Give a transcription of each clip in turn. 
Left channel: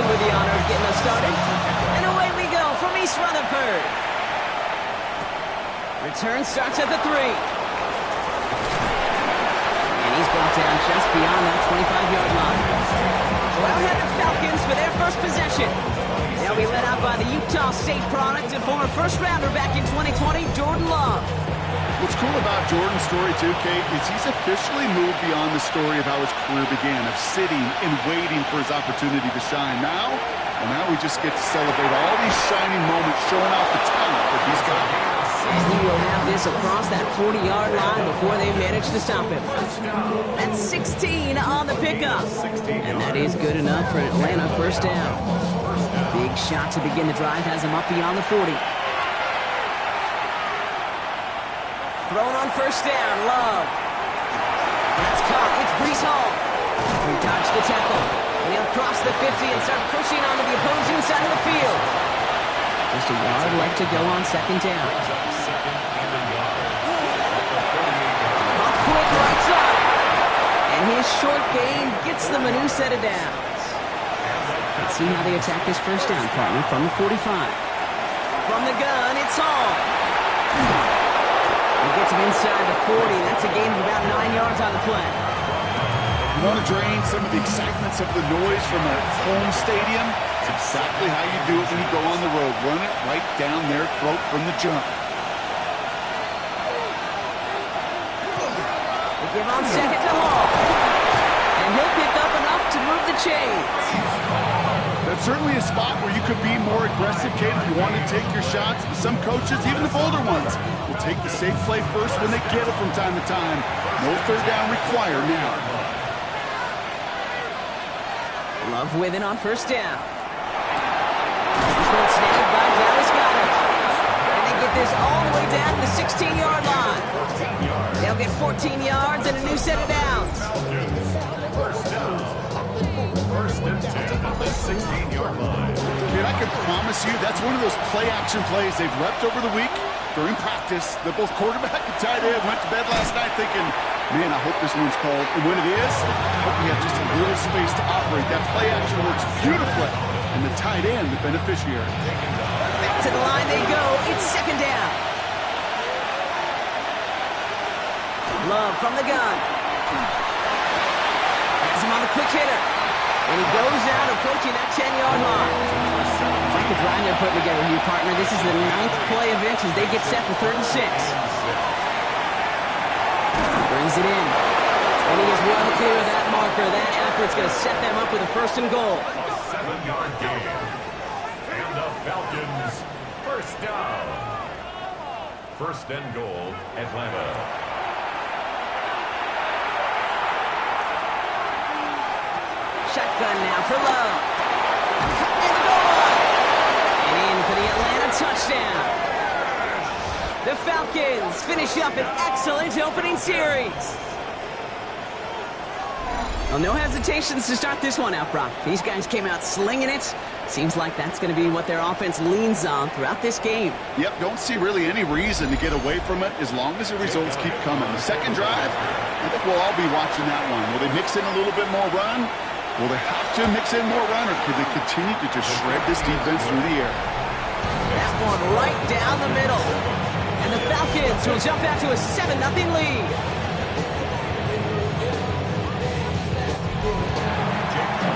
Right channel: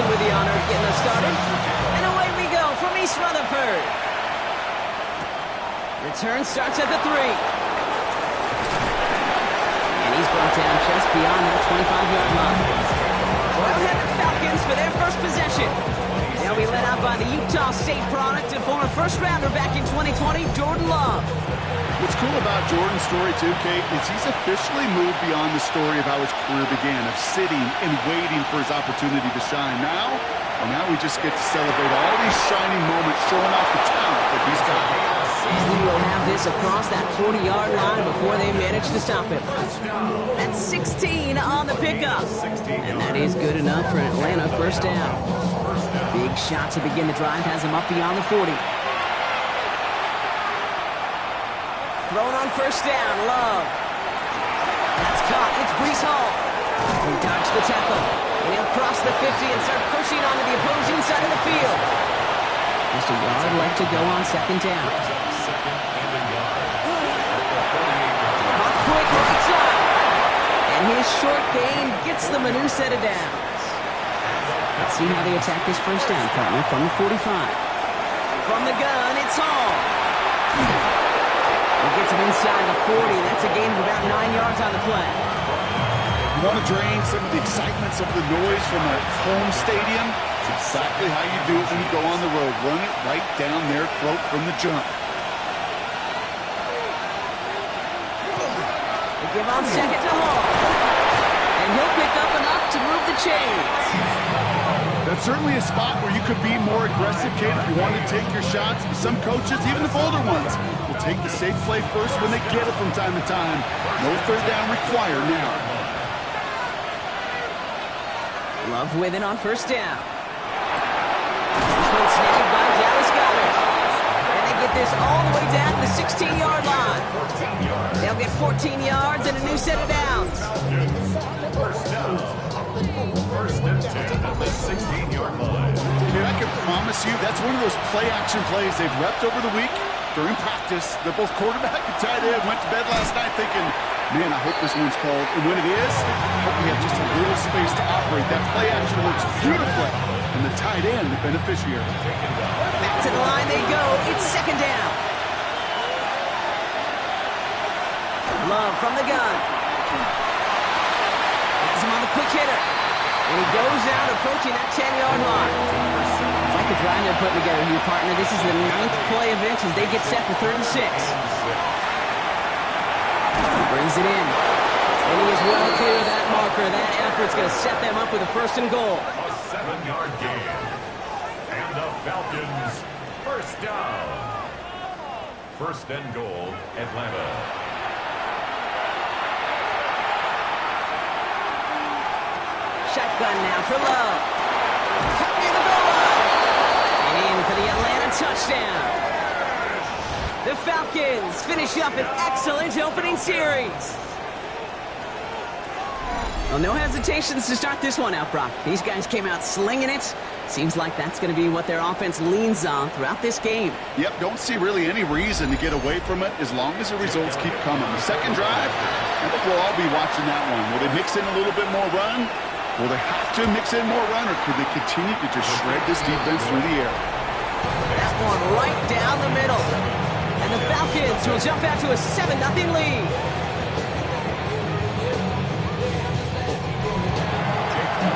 With the honor of getting us started. And away we go from East Rutherford. Return starts at the 3. And he's brought down just beyond that 25-yard line. Well-headed Falcons for their first possession. They'll be led out by the Utah State product and former first-rounder back in 2020, Jordan Love. What's cool about Jordan's story, too, Kate, is he's officially moved beyond the story of how his career began, of sitting and waiting for his opportunity to shine. Now we just get to celebrate all these shining moments, showing off the talent that he's got. And he will have this across that 40-yard line before they manage to stop him. That's 16 on the pickup. And that is good enough for an Atlanta first down. Big shot to begin the drive has him up beyond the 40. Thrown on first down, Love. That's caught. It's Breece Hall. He dodged the tackle, and he'll cross the 50 and start pushing onto the opposing side of the field. Just a yard left to go on second down. Hot quick right side. And his short gain gets them a new set of downs. Let's see how they attack this first down, partner, from the 45. From the gun, it's Hall. He gets him inside the 40. That's a gain of about 9 yards on the play. You want to drain some of the excitement, some of the noise from a home stadium? It's exactly how you do it when you go on the road. Run it right down their throat from the jump. They give on second to Hall. And he'll pick up enough to move the chains. That's certainly a spot where you could be more aggressive, Kate, if you want to take your shots. Some coaches, even the bolder ones, will take the safe play first when they get it from time to time. No third down required now. Love with it on first down. This one snagged by Dallas Goedert. And they get this all the way down to the 16-yard line. They'll get 14 yards and a new set of downs. First and 10 at the 16-yard line. Kid, I can promise you that's one of those play-action plays they've repped over the week during practice. That both quarterback and tight end went to bed last night thinking, man, I hope this one's called. And when it is, I hope we have just a little space to operate. That play-action works beautifully. And the tight end, the beneficiary. Back to the line they go. It's second down. Love from the gun. Has him on the quick hitter. And he goes out approaching that 10-yard line. Quite the drive they're putting together here, partner. This is the 9th play of inch as they get set for 3rd and 6. He brings it in. And he is well clear of that marker. That effort's going to set them up with a 1st and goal. A 7-yard gain. And the Falcons, first down. 1st and goal, Atlanta. Shotgun now for Love. Cut near the goal line. And in for the Atlanta touchdown. The Falcons finish up an excellent opening series. Well, no hesitations to start this one out, Brock. These guys came out slinging it. Seems like that's going to be what their offense leans on throughout this game. Yep, don't see really any reason to get away from it as long as the results keep coming. The second drive, I think we'll all be watching that one. Will they mix in a little bit more run? Will they have to mix in more run, or could they continue to just shred this defense through the air? That one right down the middle. And the Falcons will jump out to a 7-0 lead.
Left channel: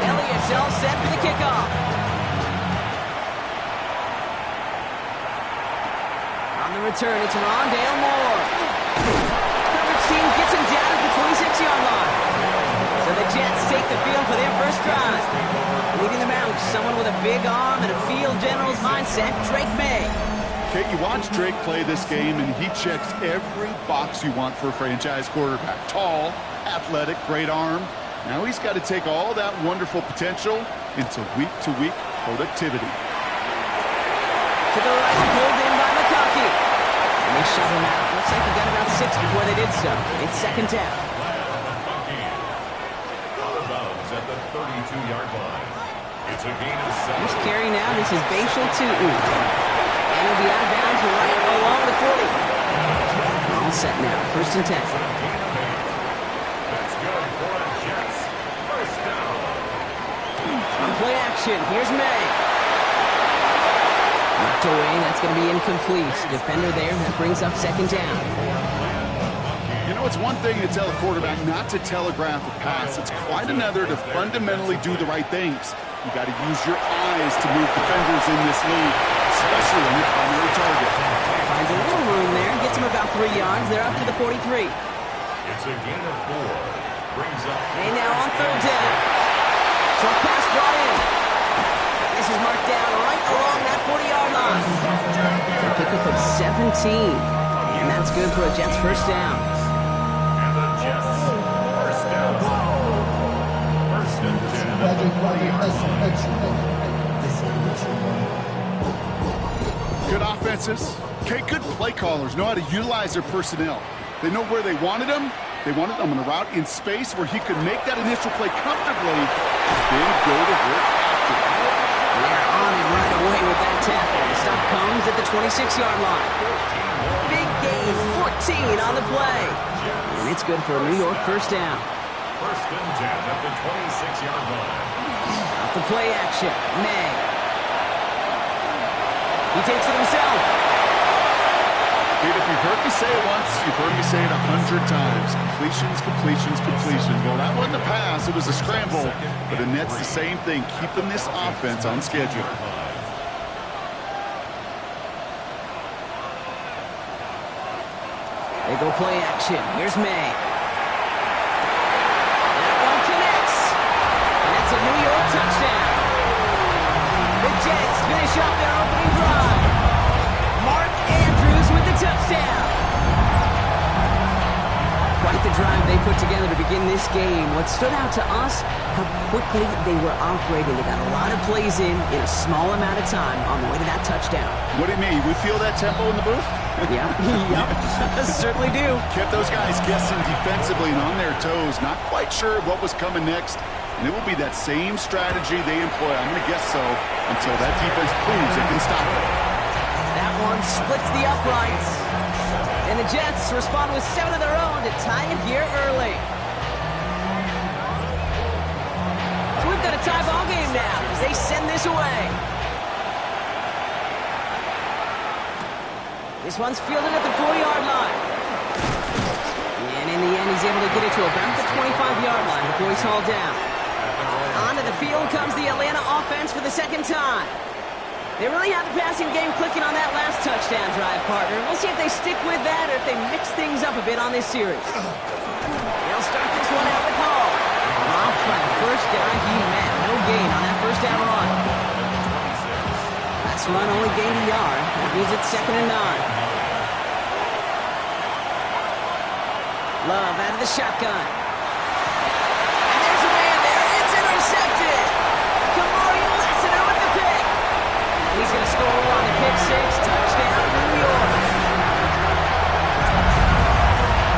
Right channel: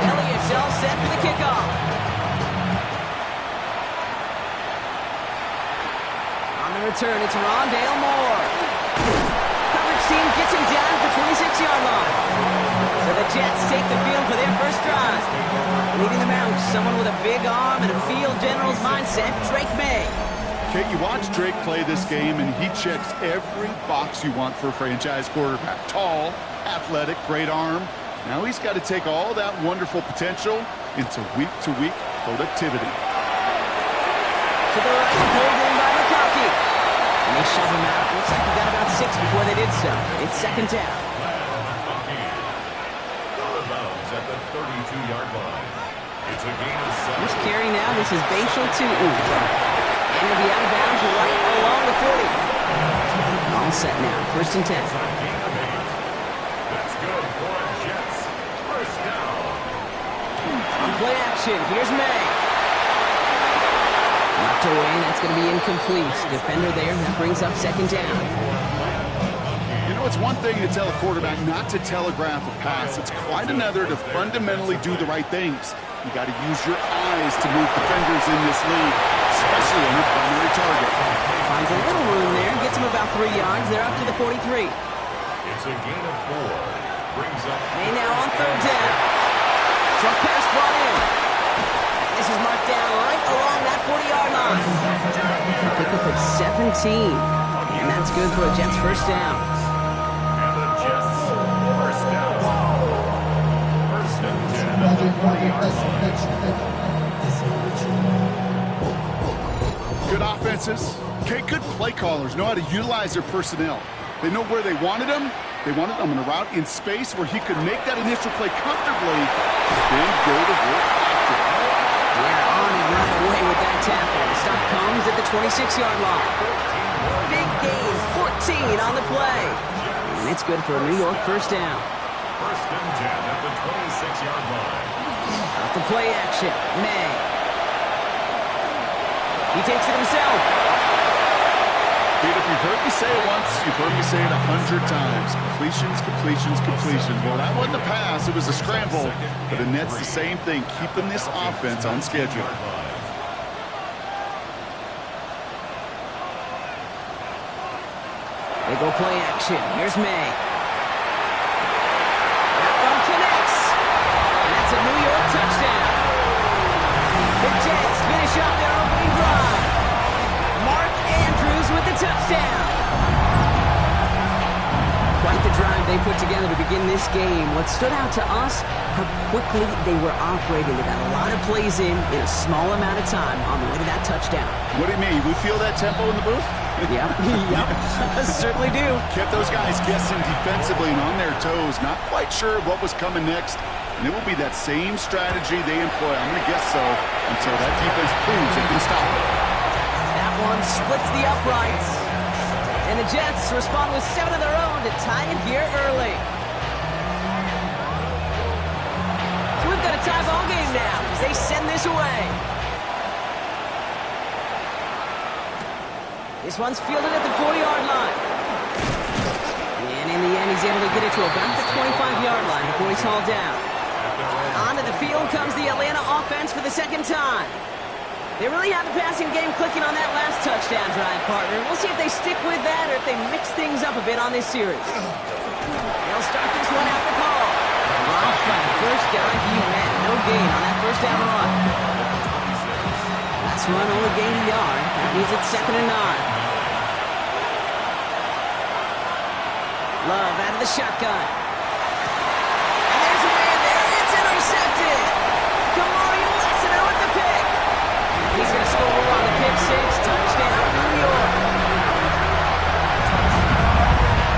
Elliott's all set for the kickoff. On the return, it's Rondale Moore. Coverage team gets him down at the 26-yard line. So the Jets take the field for their first drive. Leading them out, someone with a big arm and a field general's mindset, Drake May. Kate, you watch Drake play this game, and he checks every box you want for a franchise quarterback. Tall, athletic, great arm. Now he's got to take all that wonderful potential into week-to-week productivity. To the right, pulled in by McConkey. And they shove him out. Looks like he got about 6 before they did so. It's second down. Out of bounds at the 32-yard line. It's a gain of 7. First carry now. This is Bashal Tutu. And he'll be out of bounds right along the 40. All set now. First and 10. It's a gain of 8. That's good for a Jets. First down. On play action. Here's May. Knocked away. That's going to be incomplete. Defender there. That brings up second down. You know, it's one thing to tell a quarterback not to telegraph a pass. It's quite another to fundamentally do the right things. You got to use your eyes to move defenders in this league, especially on your primary target. Finds a little room there. Gets him about 3 yards. They're up to the 43. It's a gain of 4. Brings up. May now on third down. Short pass brought in. And this is marked down right along that 40-yard line. A pickup of 17. And that's good for a Jets first down. And the Jets first down. First and 10 at the 40-yard line. Good offenses. Okay, good play callers know how to utilize their personnel. They know where they wanted them. They wanted them on a route in space where he could make that initial play comfortably, then go to work after. They're on it right away with that tackle. The stop comes at the 26-yard line. Big gain, 14 on the play. And it's good for a New York first down. First and 10 at the 26-yard line. Off the play action, May. He takes it himself. Pete, if you've heard me say it once, you've heard me say it 100 times. Completions, completions, completions. Well, that wasn't a pass. It was a scramble. But the Nets, the same thing, keeping this offense on schedule. They go play action. Here's May. That one connects. And that's a New York touchdown. The Jets finish off their opening drive. Mark Andrews with the touchdown. Quite the drive they put together to begin this game. What stood out to us, how quickly they were operating. They got a lot of plays in a small amount of time on the way to that touchdown. What do you mean? We feel that tempo in the booth? Yep, certainly do. Kept those guys guessing defensively and on their toes, not quite sure what was coming next. And it will be that same strategy they employ, I'm going to guess so, until that defense proves they can stop it. That one splits the uprights. And the Jets respond with 7 of their own to tie it here early. So we've got a tie ball game now as they send this away. This one's fielded at the 40-yard line. And in the end, he's able to get it to about the 25-yard line before he's hauled down. Onto the field comes the Atlanta offense for the second time. They really have the passing game clicking on that last touchdown drive, partner. We'll see if they stick with that or if they mix things up a bit on this series. They'll start this one out with Hall. Dropped by the first guy he met. No gain on that first down run. Last run only gained a yard. That means it's 2nd and 9. Love out of the shotgun. And there's a man there. It's intercepted. Kamari Lassiter with the pick. And he's going to score on the pick six. Touchdown, New York.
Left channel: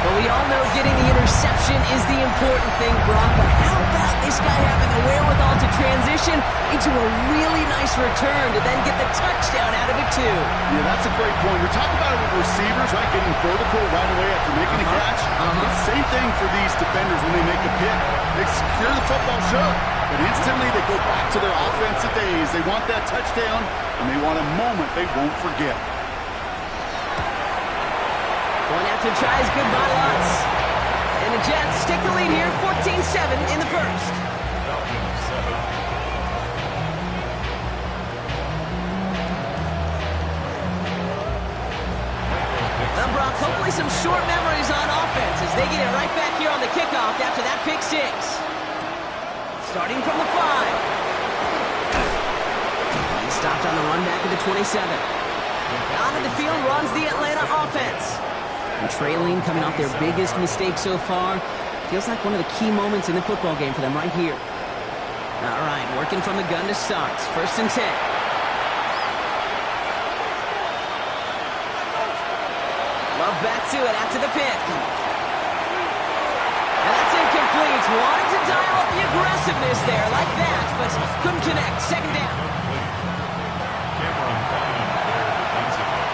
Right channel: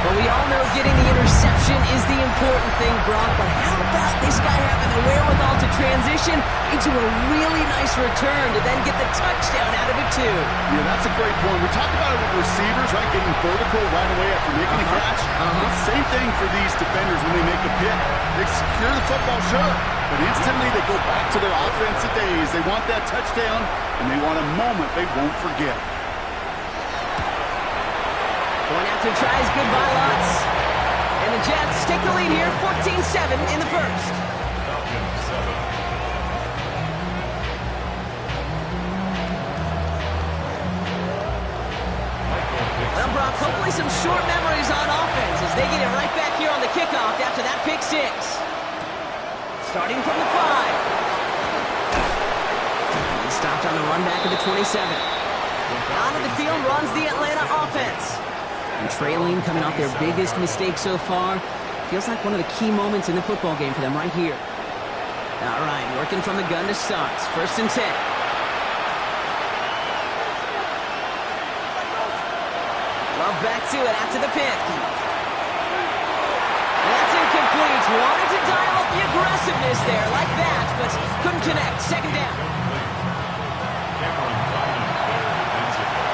But we all know getting the interception is the important thing, Brock. But how about this guy having the wherewithal to transition into a really nice return to then get the touchdown out of it, too? Yeah, that's a great point. We talk about it with receivers, right? Getting vertical right away after making a catch. Same thing for these defenders when they make a pick. They secure the football, sure. But instantly they go back to their offensive days. They want that touchdown, and they want a moment they won't forget. Going after tries, goodbye lots. And the Jets take the lead here, 14-7 in the first. Falcons 7. Well, Brock, hopefully some short memories on offense as they get it right back here on the kickoff after that pick six. Starting from the 5. He stopped on the run back at the 27. Onto the field runs the Atlanta offense. And trailing, coming off their biggest mistake so far. Feels like one of the key moments in the football game for them right here. All right, working from the gun to start. 1st and 10. Love back to it after the pick. And that's incomplete. Wanted to dial up the aggressiveness there like that, but couldn't connect. Second down. Cameron Bynum there defensively.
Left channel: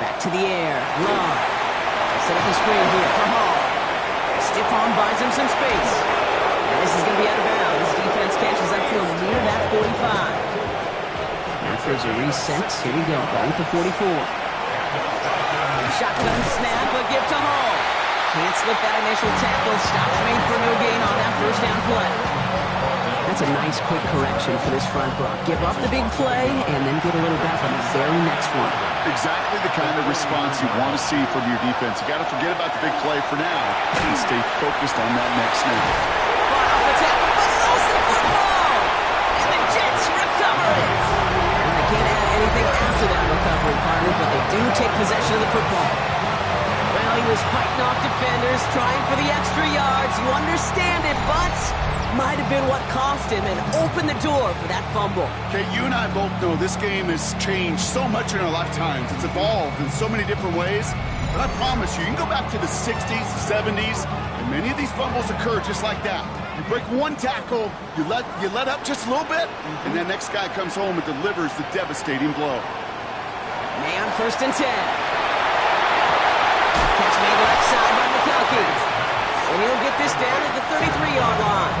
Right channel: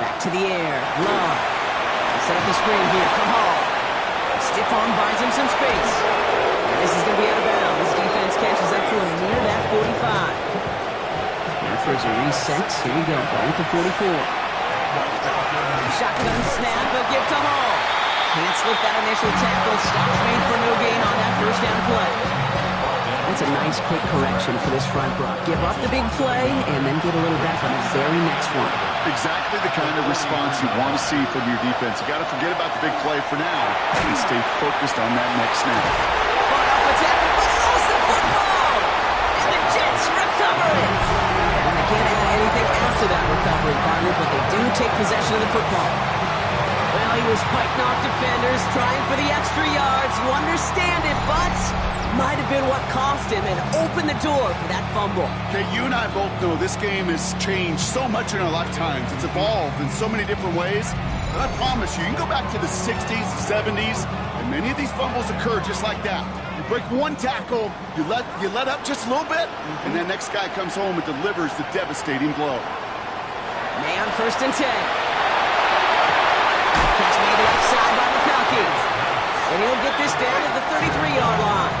Back to the air. Love. Set up the screen here for Hall. Stiff arm buys him some space. And this is going to be out of bounds. Defense catches up to him near that 45. Now there's a reset. Here we go. Ball with the 44. Shotgun snap, a give to Hall. Can't slip that initial tackle. Stops made for no gain on that first down play. That's a nice quick correction for this front, Brock. Give up the big play and then get a little back on the very next one. Exactly the kind of response you want to see from your defense. You got to forget about the big play for now and stay focused on that next snap. Fought off a tackle, but he lost the football! And the Jets recover it! And they can't add anything after that recovery, partner, but they do take possession of the football. Well, he was fighting off defenders, trying for the extra yards. You understand it, but might have been what cost him and opened the door for that fumble. Okay, you and I both know this game has changed so much in our lifetimes. It's evolved in so many different ways. But I promise you, you can go back to the 60s, 70s, and many of these fumbles occur just like that. You break one tackle, you let up just a little bit, and that next guy comes home and delivers the devastating blow. May on 1st and 10. Catch made left side by McCulkey. And he'll get this down at the 33-yard line.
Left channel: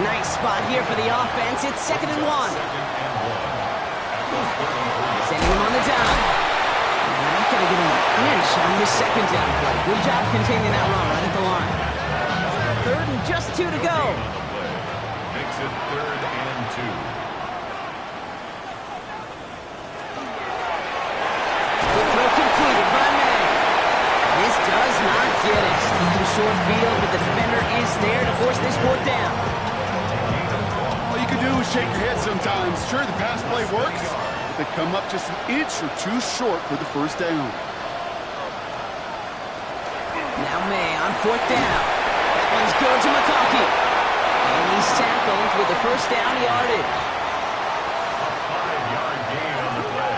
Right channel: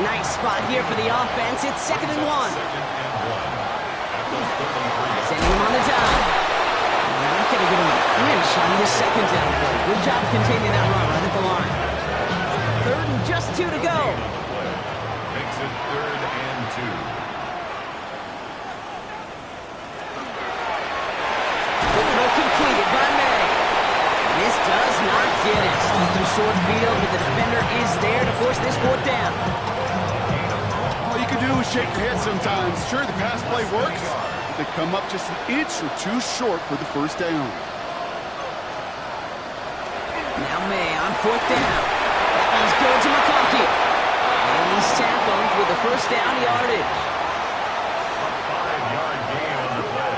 Nice spot here for the offense. It's 2nd and 1. Sending him on the dime. Now not going to get him an inch on this second down play. Good job containing that run right at the line. 3rd and just 2 to go. Makes it 3rd and 2. Good throw completed by May. This does not get it. Looking short field, but the defender is there to force this 4th down. All you can do is shake your head sometimes. Sure, the pass play works, but they come up just an inch or two short for the 1st down. Now May on 4th down. That one's good to McCulkey. And he's tackled with the 1st down yardage. A 5-yard gain on the play.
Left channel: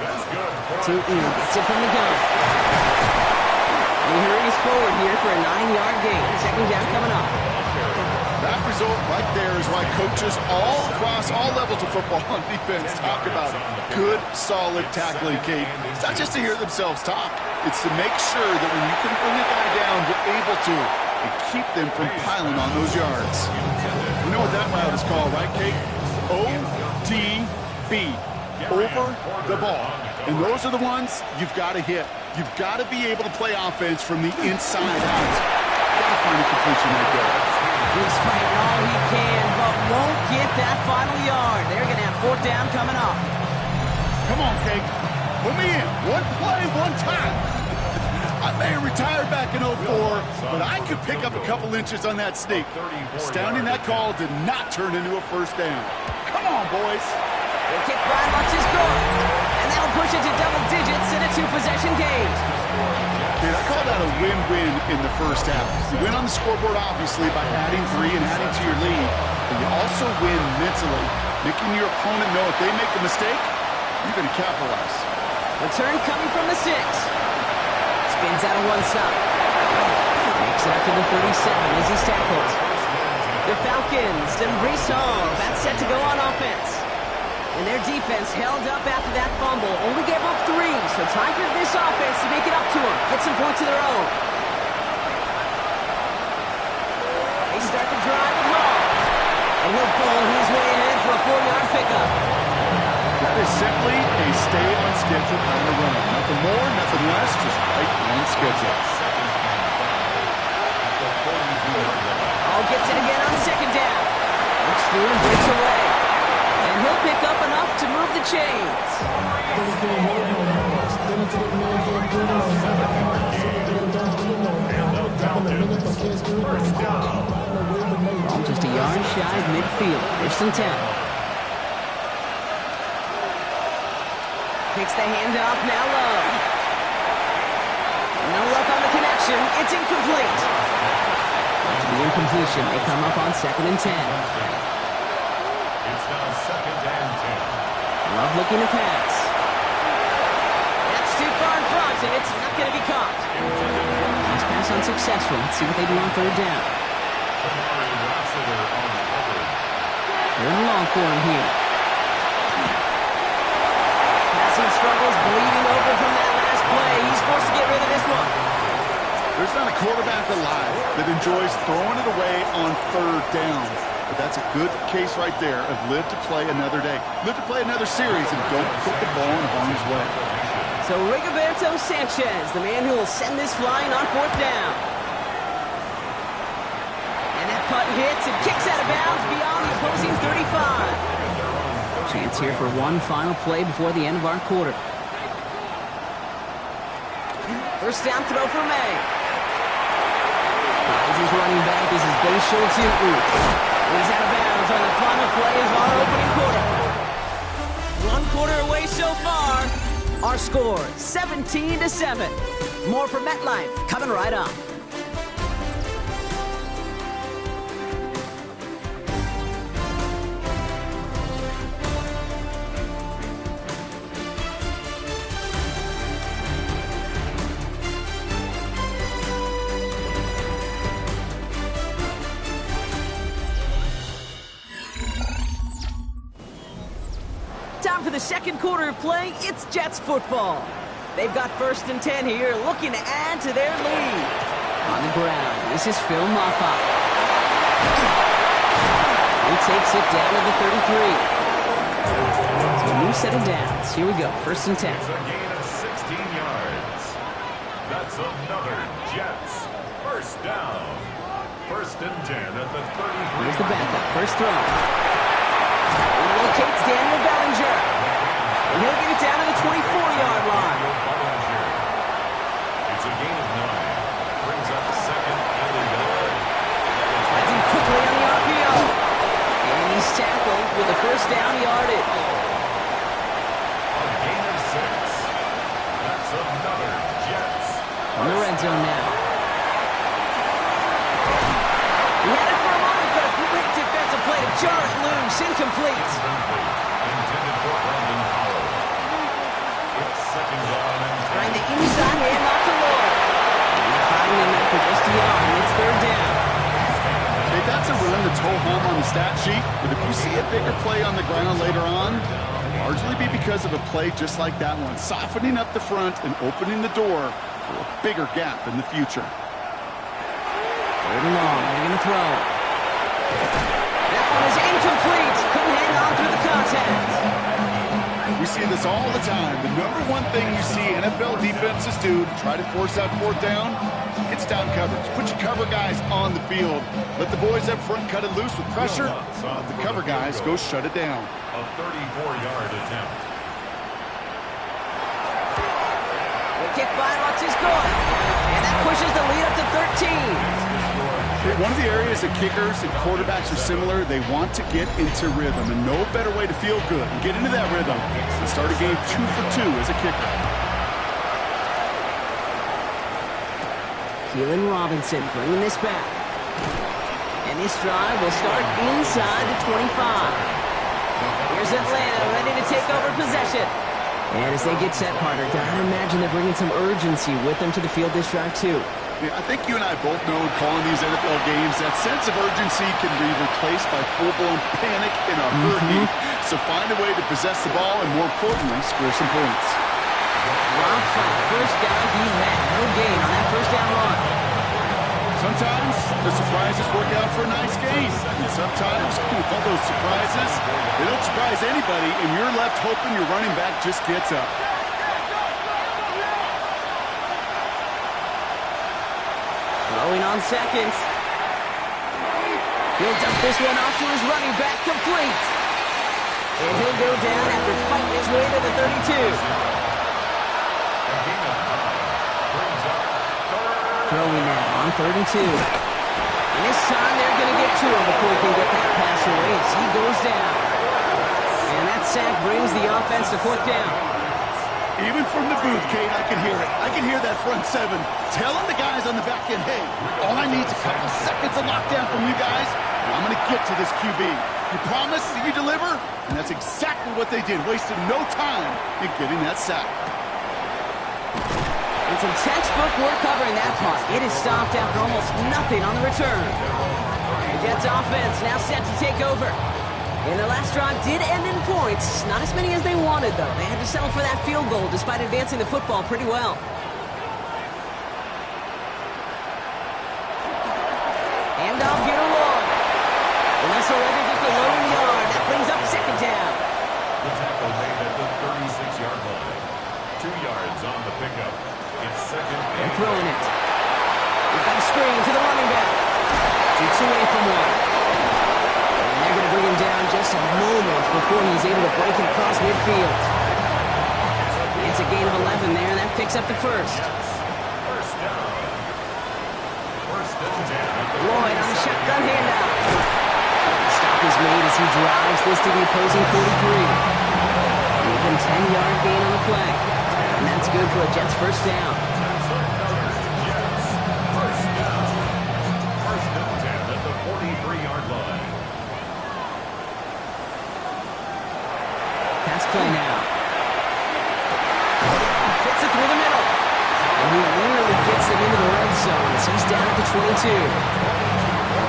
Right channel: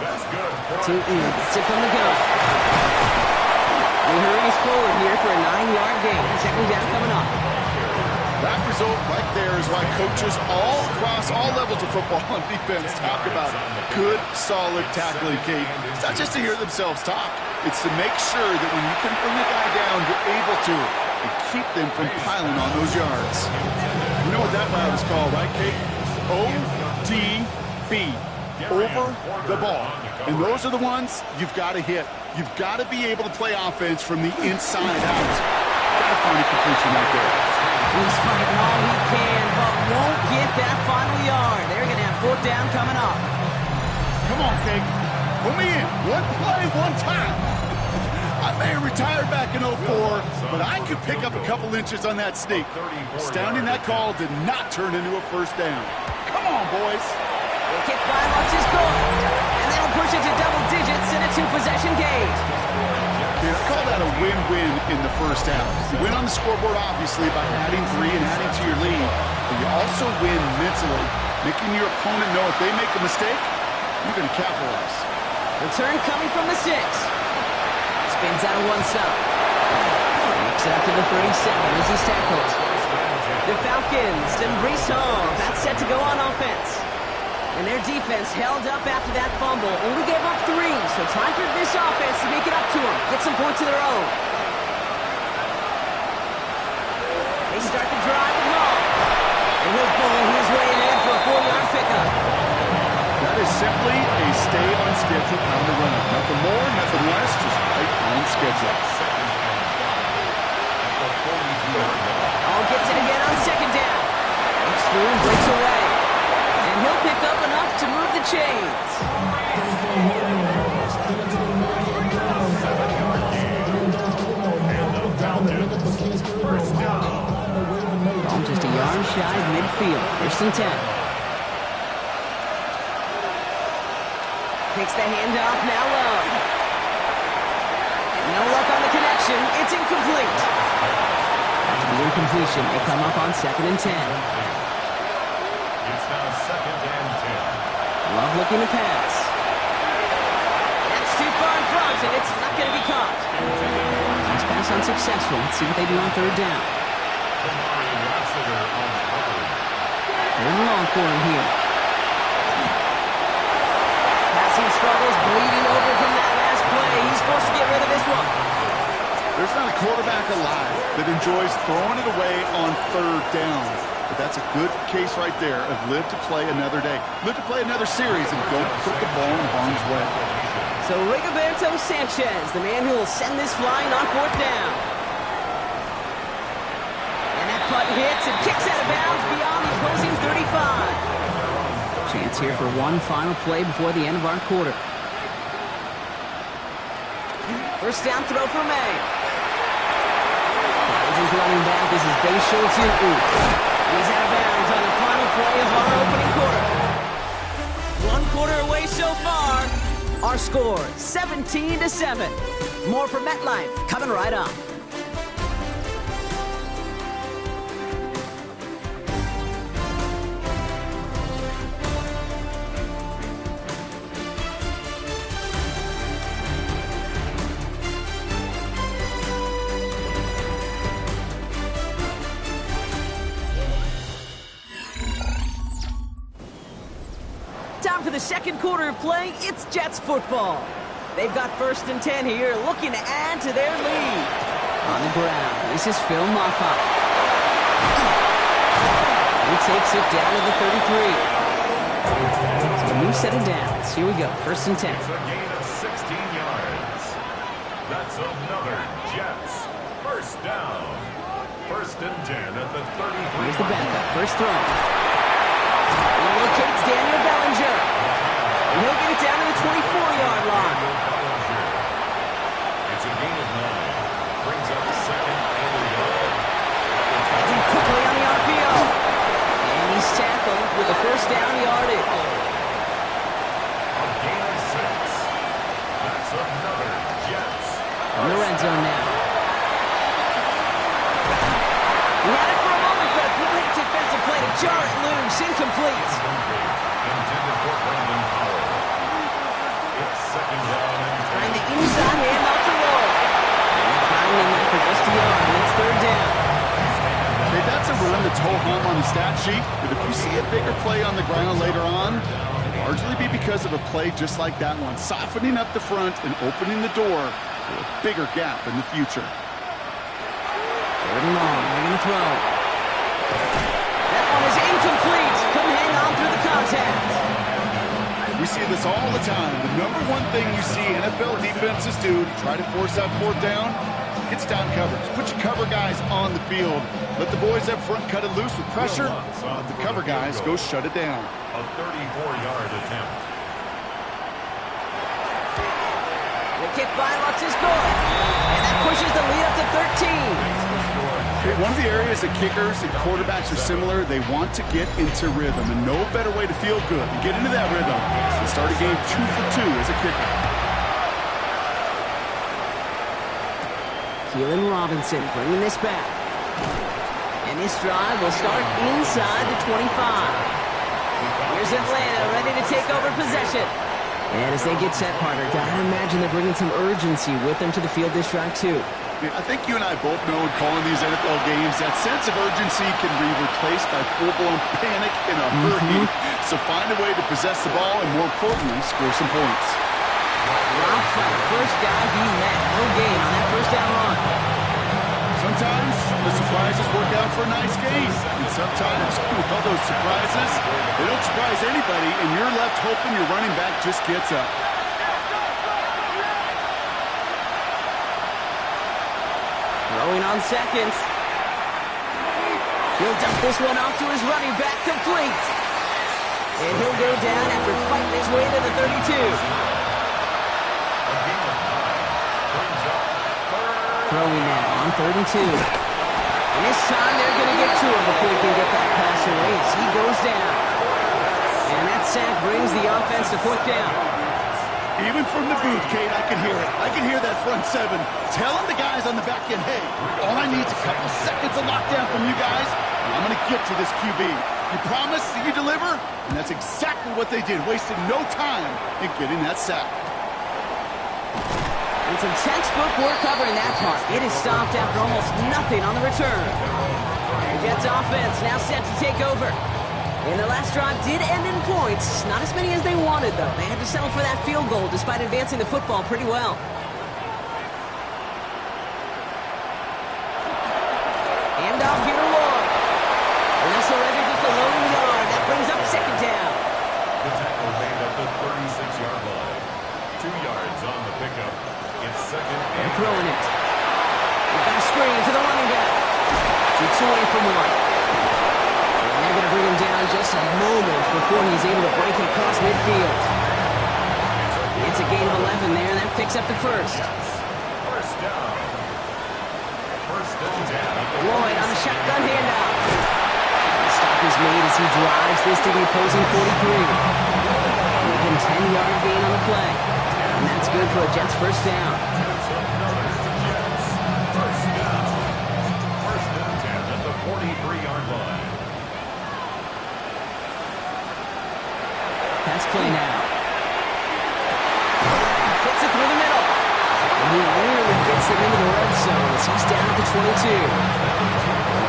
That's good. Tootin gets it from the gun. He hurries forward here for a 9-yard gain. 2nd down coming up. That result right there is why coaches all across all levels of football and defense talk about good, solid tackling, Kate. It's not just to hear themselves talk. It's to make sure that when you can bring a guy down, you're able to and keep them from piling on those yards. You know what that route is called, right, Kate? ODB. Over the ball. And those are the ones you've got to hit. You've got to be able to play offense from the inside out. Got to find a completion right there. He's fighting all he can, but won't get that final yard. They're going to have 4th down coming up. Come on, Kate. Put me in. One play, one time. I may have retired back in 04, but I could pick up a couple inches on that sneak. Astounding that call did not turn into a 1st down. Come on, boys. The kick by Lutz is good. And that'll push it to double digits in a 2-possession game. Kid, I call that a win-win in the 1st half. You win on the scoreboard, obviously, by adding 3 and adding to your lead. But you also win mentally, making your opponent know if they make a mistake, you're going to capitalize. Return coming from the 6. Spins out of one stop. Makes it up to the 37 as he's tackled. The Falcons and Breece Hall about set to go on offense. And their defense held up after that fumble. Only gave up 3, so time for this offense to make it up to them. Get some points of their own. They start the drive with Hall. And he'll bowl his way ahead for a 4-yard pickup. That is simply a stay-on-schedule kind of run. Nothing more, nothing less, just right on schedule. Hall gets it again on 2nd down. Looks through and breaks away. And he'll pick up enough to move the chains. Ball just a yard shy of midfield. 1st and 10. Takes the handoff, now Love. No luck on the connection. It's incomplete. After the incompletion, they come up on 2nd and 10. It's now 2nd and 10. Love looking to pass. front, and it's not going to be caught. Last pass unsuccessful. Let's see what they do on third down. Third and long for him here. Passing struggles, bleeding over from that last play. He's forced to get rid of this one. There's not a quarterback alive that enjoys throwing it away on third down. But that's a good case right there of live to play another day. Live to play another series and don't put the ball in harm's way. So Rigoberto Sanchez, the man who will send this flying on fourth down. And that punt hits and kicks out of bounds beyond the opposing 35. Chance here for one final play before the end of our quarter. First down throw for May. Finds his running back. This is Bay Schultz. He's out of bounds on the final play of our opening quarter. One quarter away so far. Our score, 17-7. More from MetLife coming right up. Time for the second quarter of play. It's Jets football. They've got 1st and 10 here, looking to add to their lead. On the ground, this is Phil Moffat. He takes it down to the 33. So a new set of downs. Here we go, 1st and 10. It's a gain of 16 yards. That's another Jets first down. 1st and 10 at the 33. Here's the backup, first throw. He locates Daniel Bellinger. And he'll get it down to the 24-yard line. It's a gain of 9. Brings up 2nd and a yard. Finds him quickly on the RPO. And he's tackled with a first down yardage. A gain of 6. That's another Jets. In the red zone now. He had it for a moment, but a great defensive play to jar it loose. Incomplete. Intended for Brandon Powell. It's 2nd down and 10. Trying the inside handoff to Lloyd. And they find him after just a yard, and it's 3rd down. Hey, that's a run that's ho-hum on the stat sheet, but if you see a bigger play on the ground later on, it'll largely be because of a play just like that one, softening up the front and opening the door for a bigger gap in the future. 3rd and long, they're going to throw. That one is incomplete. Couldn't hang on through the contact. We see this all the time. The number one thing you see NFL defenses do to try to force that 4th down, it's down coverage. Put your cover guys on the field. Let the boys up front cut it loose with pressure. Let the cover guys go shut it down. A 34-yard attempt. The kick by Lutz is good. And that pushes the lead up to 13. One of the areas that kickers and quarterbacks are similar, they want to get into rhythm, and no better way to feel good and get into that rhythm than start a game 2 for 2 as a kicker. Keelan Robinson bringing this back. And this drive will start inside the 25. Here's Atlanta ready to take over possession. And as they get set, partner, gotta imagine they're bringing some urgency with them to the field this drive, too. I think you and I both know in calling these NFL games, that sense of urgency can be replaced by full-blown panic in a hurry. So find a way to possess the ball and, more importantly, score some points. Rob Frank, first guy he met. No gain on that first down run. Sometimes the surprises work out for a nice game. And sometimes, well, those surprises, they don't surprise anybody, and you're left hoping your running back just gets up. Throwing on seconds. He'll dump this one off to his running back, complete. And he'll go down after fighting his way to the 32. Throwing now on 3rd and 2. And this time they're going to get to him before he can get that pass away as he goes down. And that sack brings the offense to 4th down. Even from the booth, Kate, I can hear it. I can hear that front 7 telling the guys on the back end, hey, all I need is a couple seconds of lockdown from you guys, and I'm going to get to this QB. You promise that you deliver? And that's exactly what they did, wasted no time in getting that sack. And some textbook work covering that part. It is stopped after almost nothing on the return. The Jets offense now set to take over. And their last drive did end in points. Not as many as they wanted, though. They had to settle for that field goal despite advancing the football pretty well. Hand off here to Lloyd. And that's already just a lone yard. That brings up second down. The tackle made at the 36-yard line. 2 yards on the pickup. It's second. They're throwing it. We've got a screen to the running back. Shoots away from one. And they're going to bring him down just a moment before he's able to break it across midfield. It's a gain of 11 there, and that picks up the first. First down. First and 10. Lloyd on the shotgun handout. The stop is made as he drives this to the opposing 43. Even 10-yard gain on the play. And that's good for a Jets first down. That's another Jets first down. First and 10 at the 43-yard line. Pass play now. Fits it through the middle. And he nearly gets them into the red zone as he's down at the 22.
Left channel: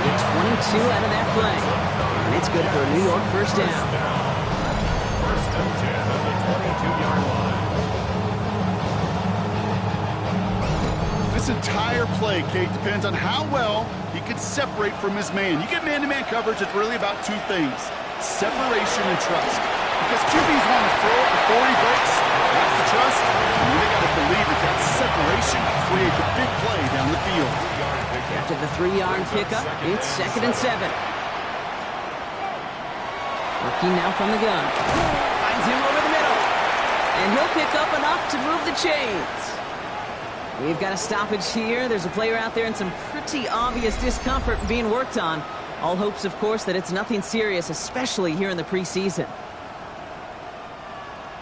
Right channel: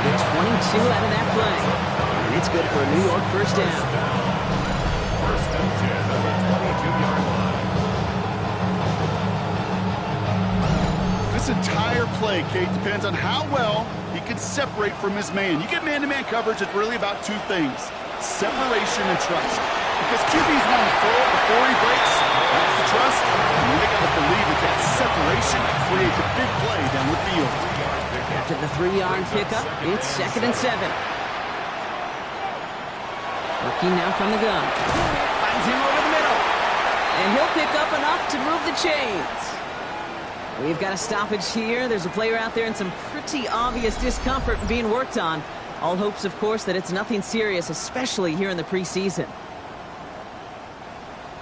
Get 22 out of that play. And it's good for a New York first down. First and 10 at the 22-yard line. This entire play, Kate, depends on how well he can separate from his man. You get man-to-man coverage, it's really about two things: separation and trust. Because QBs want to throw it before he breaks. That's the trust. And they got to believe that that separation can create the big play down the field. After the 3-yard pickup, it's second and 7. Working now from the gun. Finds him over the middle. And he'll pick up enough to move the chains. We've got a stoppage here. There's a player out there in some pretty obvious discomfort being worked on. All hopes, of course, that it's nothing serious, especially here in the preseason.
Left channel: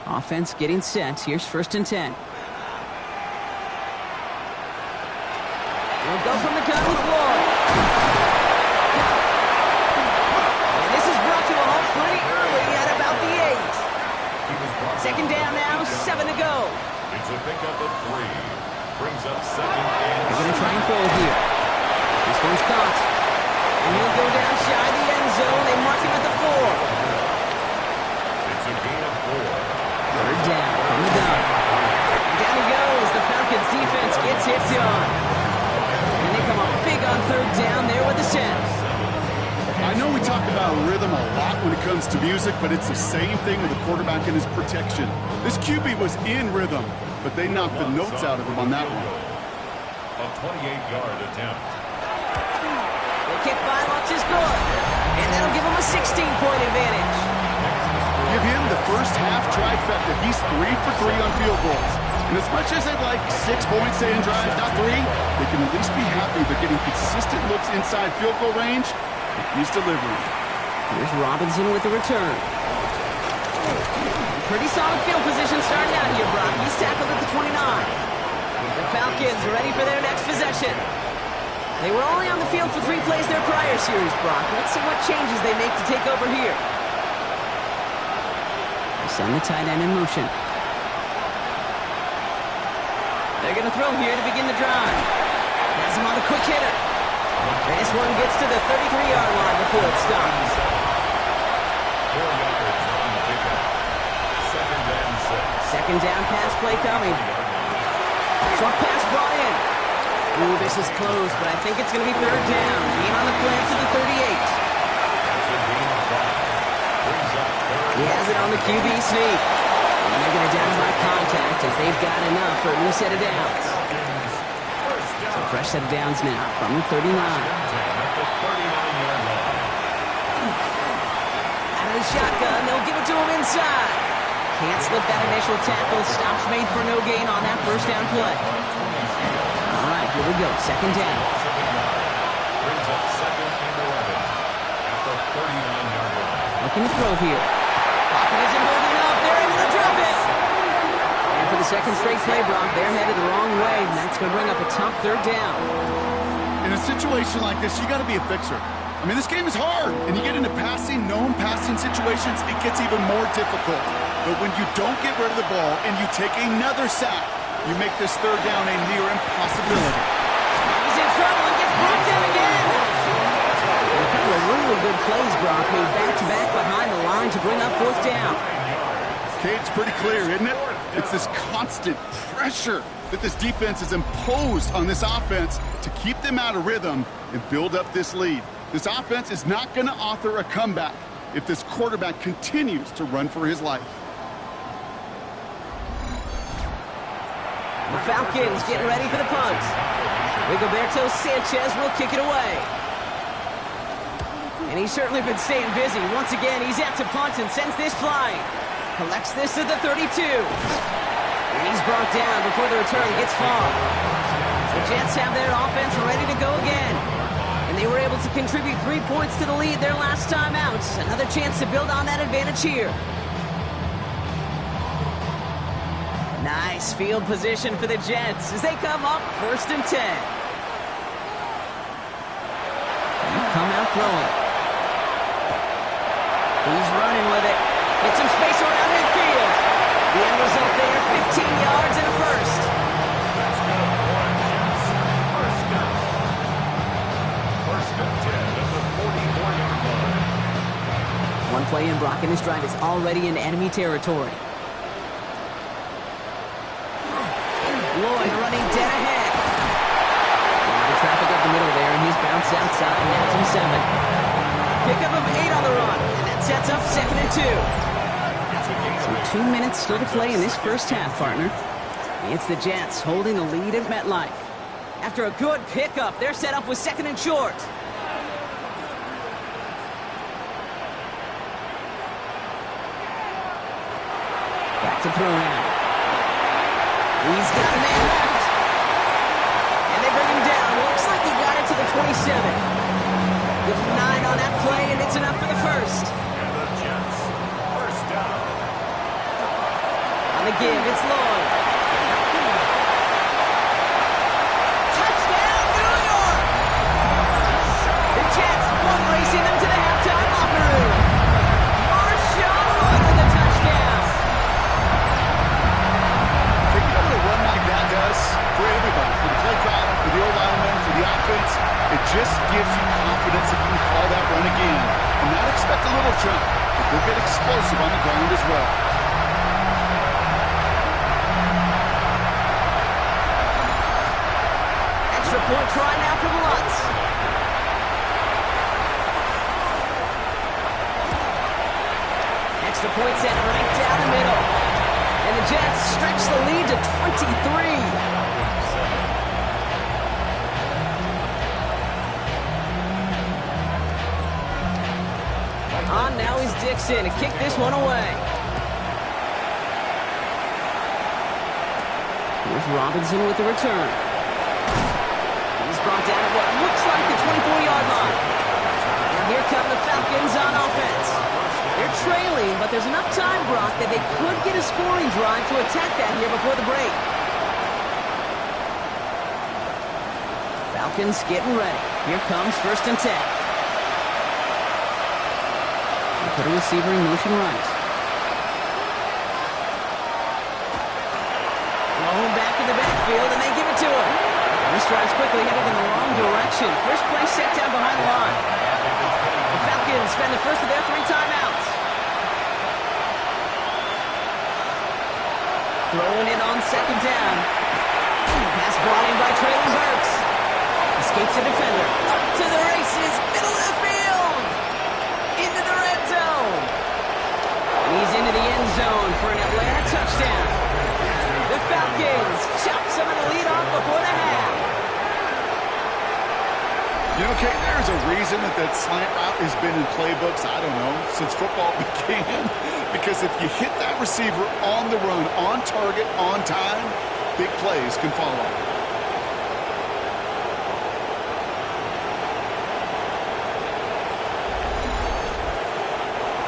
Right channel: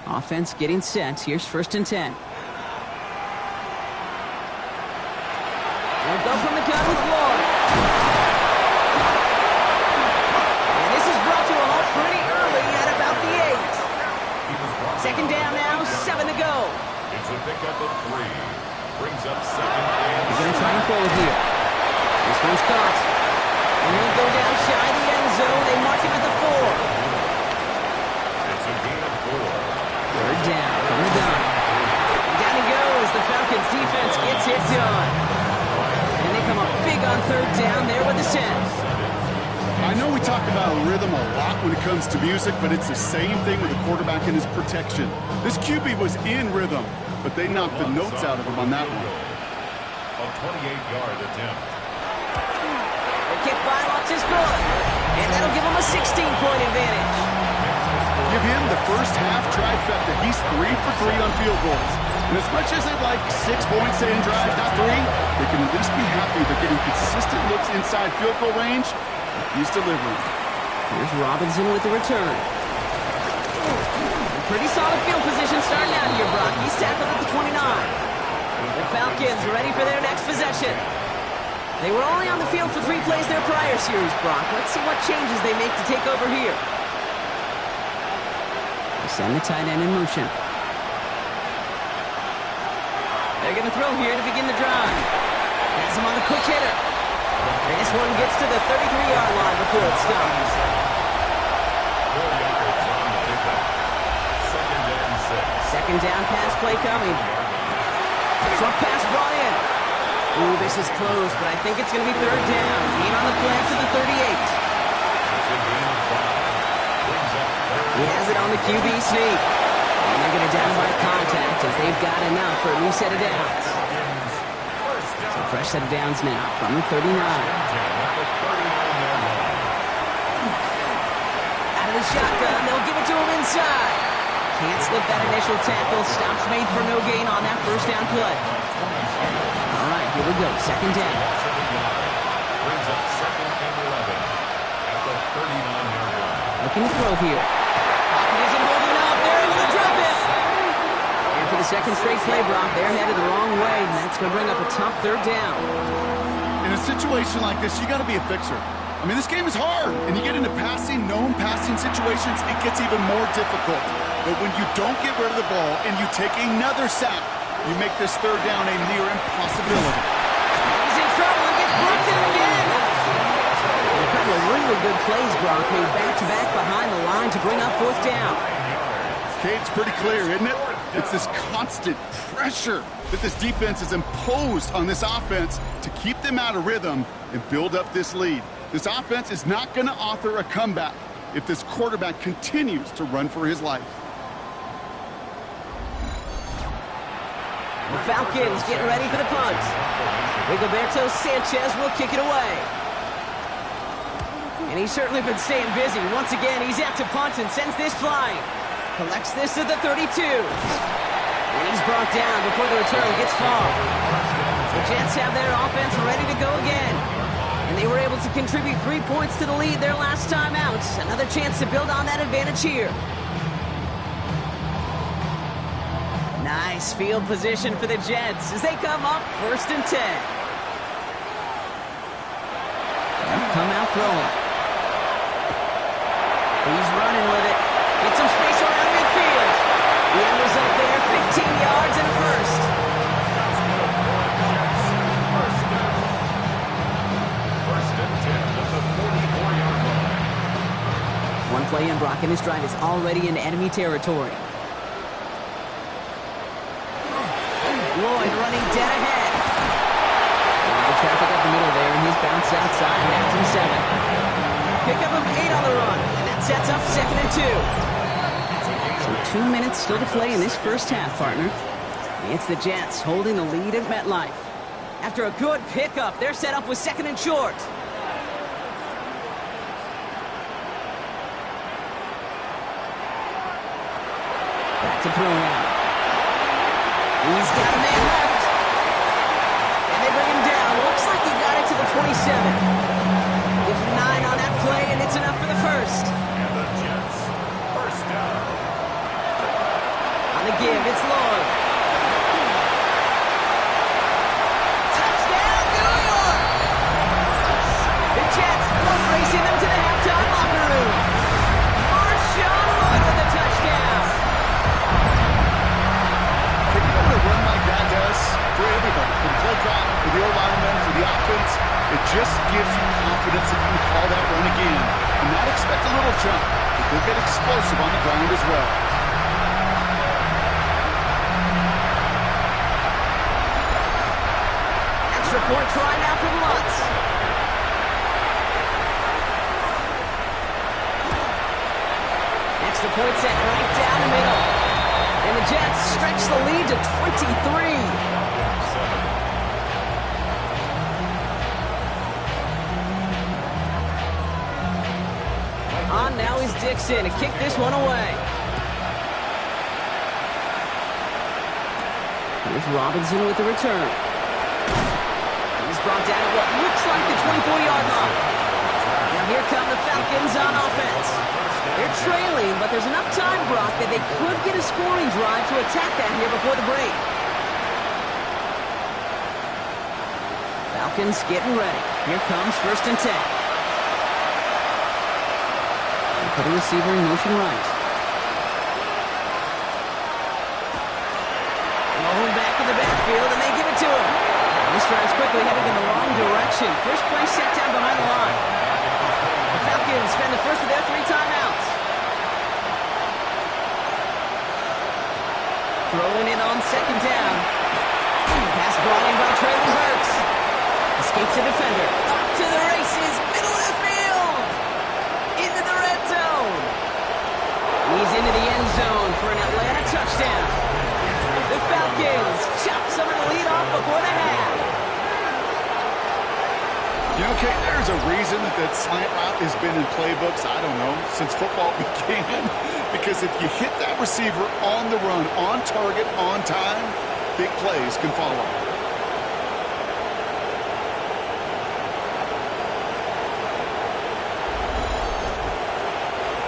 Offense getting set. Here's first and 10. They'll go from the gun with Lloyd. And this is brought to a halt pretty early at about the 8. Second down now, 7 to go. It's a pickup of 3. Brings up second and They're going to try and throw it here. This one's caught. And he'll go down shy of the end zone. They mark him at the 4. it's a gain of 4. Third down from the gun. And down he goes. The Falcons defense gets it done. And they come up big on third down there with the set. I know we talk about rhythm a lot when it comes to music, but it's the same thing with the quarterback and his protection. This QB was in rhythm, but they knocked the notes out of him on that one. A 28-yard attempt. The kick by Lutz is good. And that'll give him a 16-point advantage. Give him the first half trifecta. He's 3 for 3 on field goals. And as much as they'd like 6 points to end drives, not 3, they can at least be happy they're getting consistent looks inside field goal range. He's delivering. Here's Robinson with the return. Pretty solid field position starting out here, Brock. He's tackled at the 29. The Falcons are ready for their next possession. They were only on the field for 3 plays their prior series, Brock. Let's see what changes they make to take over here. They send the tight end in motion. They're going to throw here to begin the drive. Has him on the quick hitter. And this one gets to the 33-yard line before it stops. 4 yards on the pickup. Second and 6. Second down pass play coming. Short pass brought in. Ooh, this is close, but I think it's going to be third down. Gain on the play to the 38. That's a gain of 5. Brings up third. He has it on the QB sneak. And they're going to down by contact as they've got enough for a new set of downs. So fresh set of downs now from the 39. At the 39-yard line. Out of the shotgun, they'll give it to him inside. Can't slip that initial tackle. Stops made for no gain on that first down play. All right, here we go. Second down. Brings up second and 11 at the 39-yard line. Looking to throw here. Pocket isn't holding up. They're able to drop it. And for the second straight play, Brock, they're headed the wrong way, and that's going to bring up a tough third down. In a situation like this, you got to be a fixer. I mean, this game is hard, and you get into known passing situations, it gets even more difficult. But when you don't get rid of the ball and you take another sack, you make this third down a near impossibility. He's in trouble and gets brought down again. And a couple of really good plays, Brock, made back-to-back behind the line to bring up fourth down. Okay, it's pretty clear, isn't it? It's this constant pressure that this defense has imposed on this offense to keep them out of rhythm and build up this lead. This offense is not going to author a comeback if this quarterback continues to run for his life. The Falcons getting ready for the punt. Rigoberto Sanchez will kick it away. And he's certainly been staying busy. Once again, he's out to punt and sends this flying. Collects this at the 32. And he's brought down before the return gets far. The Jets have their offense ready to go again. And they were able to contribute 3 points to the lead their last time out. Another chance to build on that advantage here. Nice field position for the Jets as they come up 1st and 10. They'll come out throwing. He's running with it. Get some space around midfield. The end result there, 15 yards and a first. That's good for the Jets. First down. 1st and 10 at the 44-yard line. One play in, Brock, and this drive is already in enemy territory. Lloyd running dead ahead. A lot of traffic up the middle there, and he's bounced outside. Now it's him 7. Pickup of 8 on the run, and that sets up 2nd and 2. So 2 minutes still to play in this first half, partner. It's the Jets holding the lead at MetLife. After a good pickup, they're set up with 2nd and short. Back to throw now. He's got a man left. And they bring him down. Looks like he got it to the 27. Give him 9 on that play, and it's enough for the first. And the Jets, first down. On the give, it's Lloyd. Touchdown, New York! The Jets bump racing them to the halftime locker room. Marshawn Lloyd with a touchdown. A run like that does for everybody, for the play call, for the old linemen, for the offense. It just gives you confidence that you can call that run again and not expect a little jump, but they'll get explosive on the ground as well. Extra point try now for Lutz. Extra point set right down the middle. And the Jets stretch the lead to 23. On now is Dixon to kick this one away. Here's Robinson with the return. He's brought down at what looks like the 24-yard line. Now here come the Falcons on offense. They're trailing, but there's enough time, Brock, that they could get a scoring drive to attack that here before the break. Falcons getting ready. Here comes 1st and 10. They put a receiver in motion right. Malone back in the backfield, and they give it to him. And this drive's quickly headed in the wrong direction. First play set down behind the line. The Falcons spend the first of their 3 timeouts. Throwing it on 2nd down. Pass brought in by Traylon Burks. Escapes the defender. Up to the races. Middle of the field. Into the red zone. And he's into the end zone for an Atlanta touchdown. The Falcons chop some of the lead off before the half. You know, Kate, there's a reason that slant route has been in playbooks, I don't know, since football began. Because if you hit that receiver on the run, on target, on time, big plays can follow.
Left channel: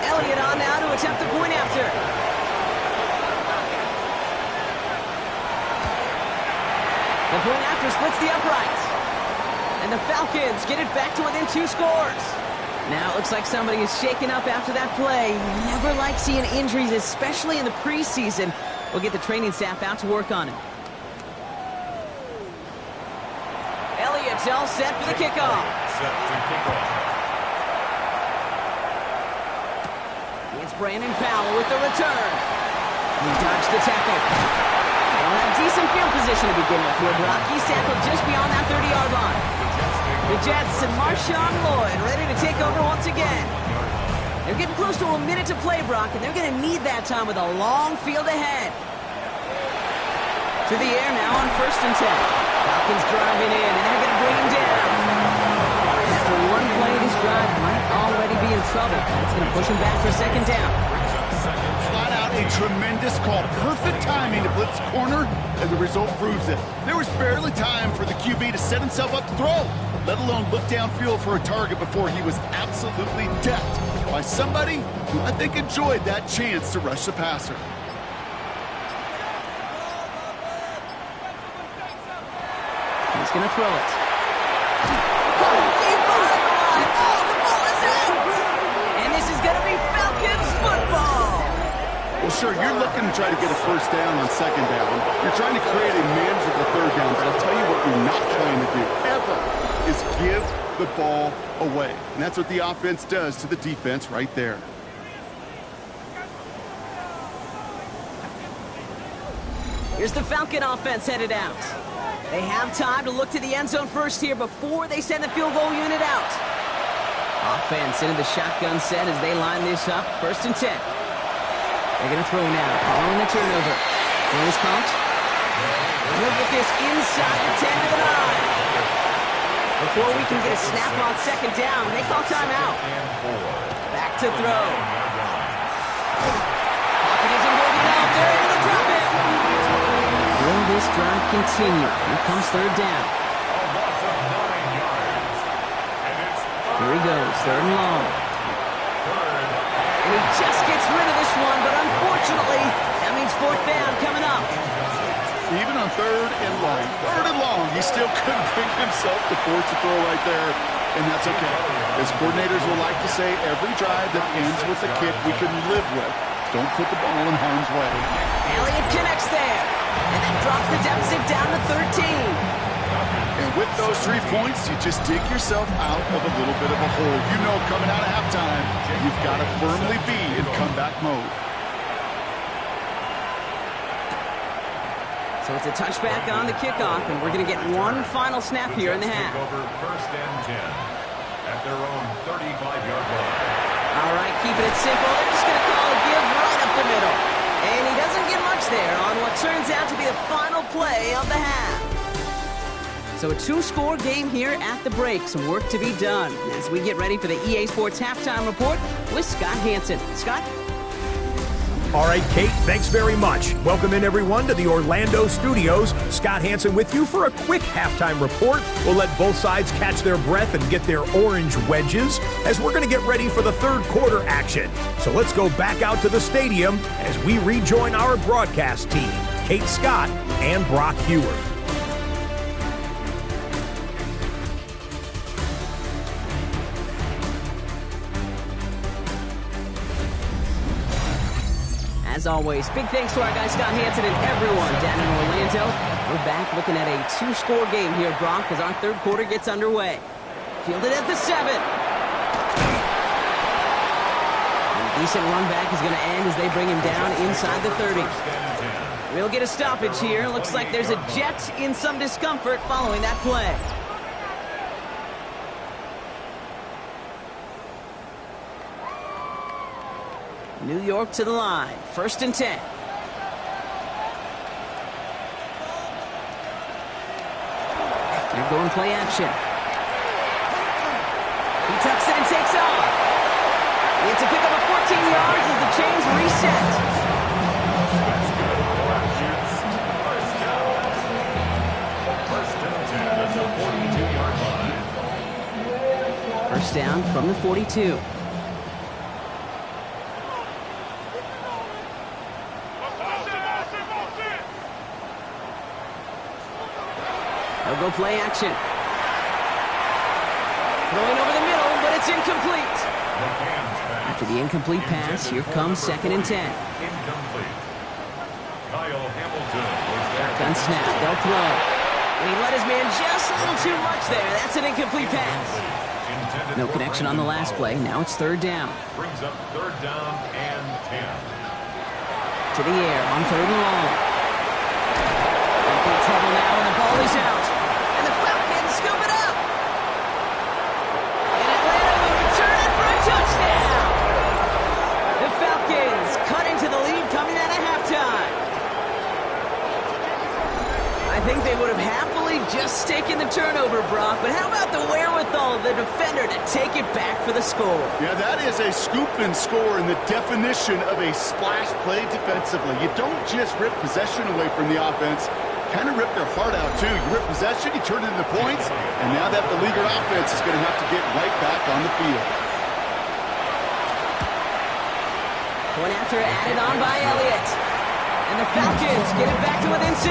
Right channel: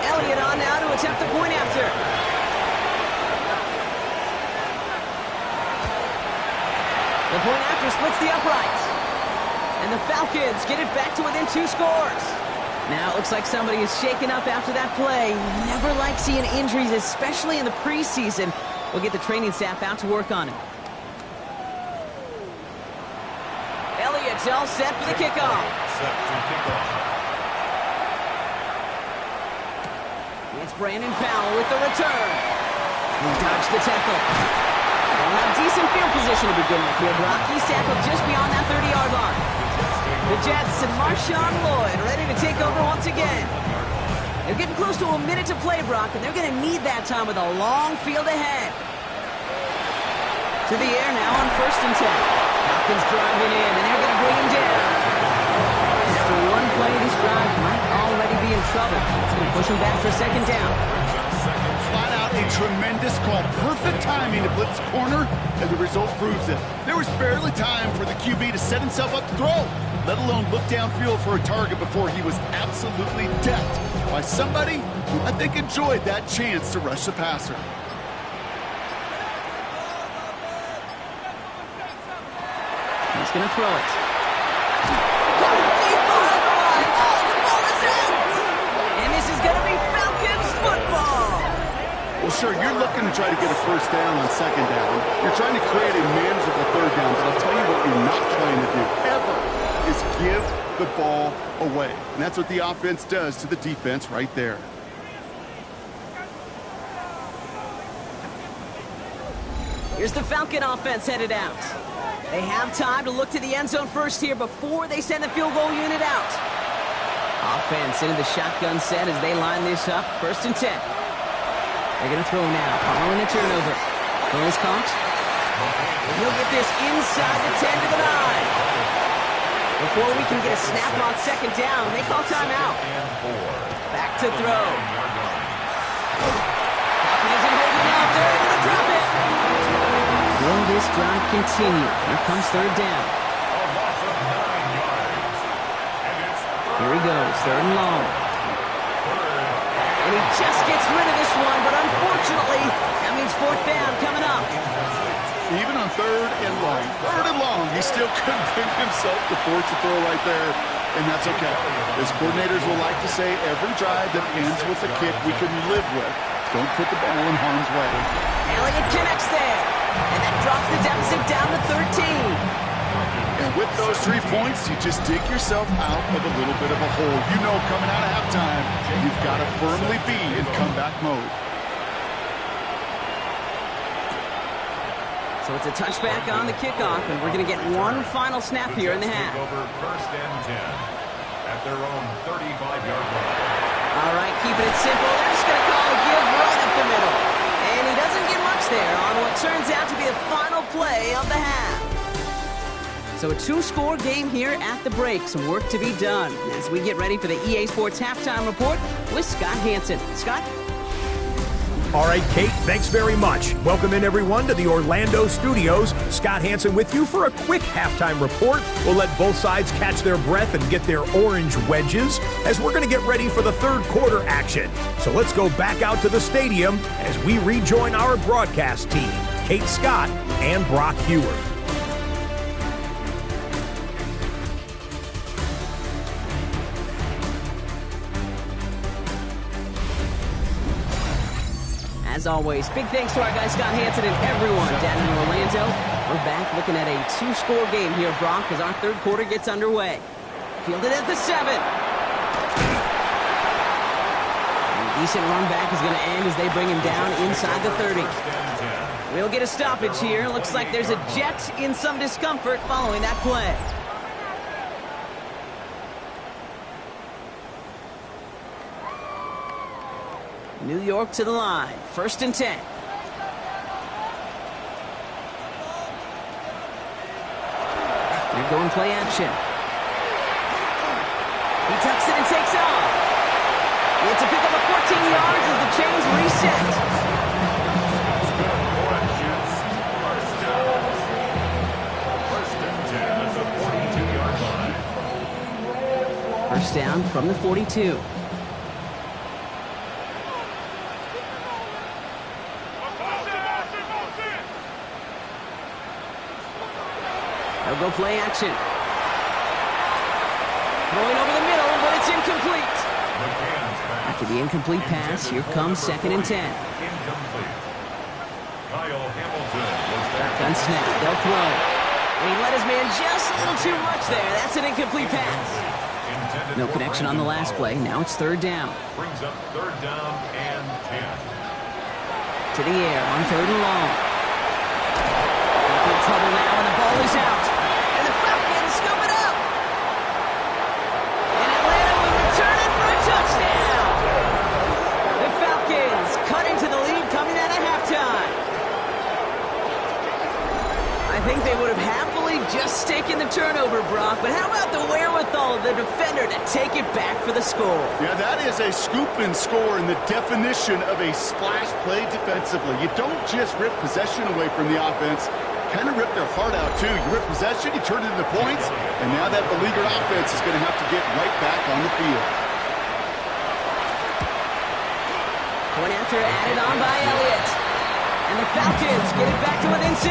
Elliott on now to attempt a point after. The point after splits the uprights. And the Falcons get it back to within 2 scores. Now it looks like somebody is shaken up after that play. You never like seeing injuries, especially in the preseason. We'll get the training staff out to work on it. It's all set for the kickoff. Set to kick off. It's Brandon Powell with the return. He dodged the tackle. They'll have decent field position to begin with here, Brock. He's tackled just beyond that 30-yard line. The Jets and Marshawn Lloyd ready to take over once again. They're getting close to a minute to play, Brock, and they're going to need that time with a long field ahead. To the air now on 1st and 10. Falcons driving in, and they're going to bring him down. After one play, this drive might already be in trouble. That's going to push him back for 2nd down. Flat out a tremendous call. Perfect timing to blitz corner, and the result proves it. There was barely time for the QB to set himself up to throw, let alone look downfield for a target before he was absolutely decked by somebody who I think enjoyed that chance to rush the passer. He's going to throw it. Caught him deep behind the line. Oh, the ball is out! And this is going to be Falcons football. Well, sure, you're looking to try to get a 1st down on 2nd down. You're trying to create a manageable 3rd down, but I'll tell you what you're not trying to do, ever, is give the ball away. And that's what the offense does to the defense right there. Here's the Falcon offense headed out. They have time to look to the end zone first here before they send the field goal unit out. Offense into the shotgun set as they line this up. 1st and 10. They're going to throw now, following the turnover. Throw is caught. He'll get this inside the 10 to the 9. Before we can get a snap on 2nd down, they call timeout. Back to throw. Pocket isn't holding up. They're able to drop it. Will this drive continue? Here comes 3rd down. A loss of 9 yards. And it's Here he goes, 3rd and long. And he just gets rid of this one, but unfortunately, that means 4th down coming up. Even on 3rd and long, he still couldn't bring himself to force a throw right there, and that's okay. As coordinators will like to say, every drive that ends with a kick we can live with. Don't put the ball in harm's way. Elliott connects there, and that drops the deficit down to 13. And with those 3 points, you just dig yourself out of a little bit of a hole. You know, coming out of halftime, you've got to firmly be in comeback mode. So it's a touchback on the kickoff, and we're going to get one final snap here in the half. Over 1st and 10 at their own 35-yard line. All right, keeping it simple. They're just going to call a give right up the middle. And he doesn't get much there on what turns out to be the final play of the half. So a 2-score game here at the break. Some work to be done as we get ready for the EA Sports Halftime Report with Scott Hansen. Scott? All right, Kate, thanks very much. Welcome in, everyone, to the Orlando studios. Scott Hansen with you for a quick halftime report. We'll let both sides catch their breath and get their orange wedges as we're going to get ready for the 3rd quarter action. So let's go back out to the stadium as we rejoin our broadcast team, Kate Scott and Brock Heward. As always, big thanks to our guy Scott Hansen and everyone down in Orlando. We're back looking at a 2-score game here, Brock, as our 3rd quarter gets underway. Fielded at the 7. And a decent run back is going to end as they bring him down inside the 30. We'll get a stoppage here. Looks like there's a Jet in some discomfort following that play. New York to the line. 1st and 10. They're going play action. He tucks it and takes off. It's a pickup of 14 yards as the chains reset. That's good for Jets. 1st down. 1st and 10 at the 42-yard line. 1st down from the 42. They'll go play action. Throwing over the middle, but it's incomplete. After the incomplete pass, here comes 2nd and 10. Incomplete. Kyle Hamilton was there. Shotgun snap. They'll throw. And he let his man just a little too much there. That's an incomplete pass. No connection on the last play. Now it's third down. Brings up third down and 10. To the air on third and long. In trouble now, and the ball is out. And the Falcons scoop it up. And Atlanta will return it for a touchdown. The Falcons cut into the lead coming out of halftime. I think they would have happily just taken the turnover, Brock, but how about the wherewithal of the defender to take it back for the score? Yeah, that is a scoop and score in the definition of a splash play defensively. You don't just rip possession away from the offense, kind of rip their heart out too. You rip possession, you turn it into points, and now that beleaguered offense is going to have to get right back on the field. Point after added on by Elliott. And the Falcons get it back to within 6.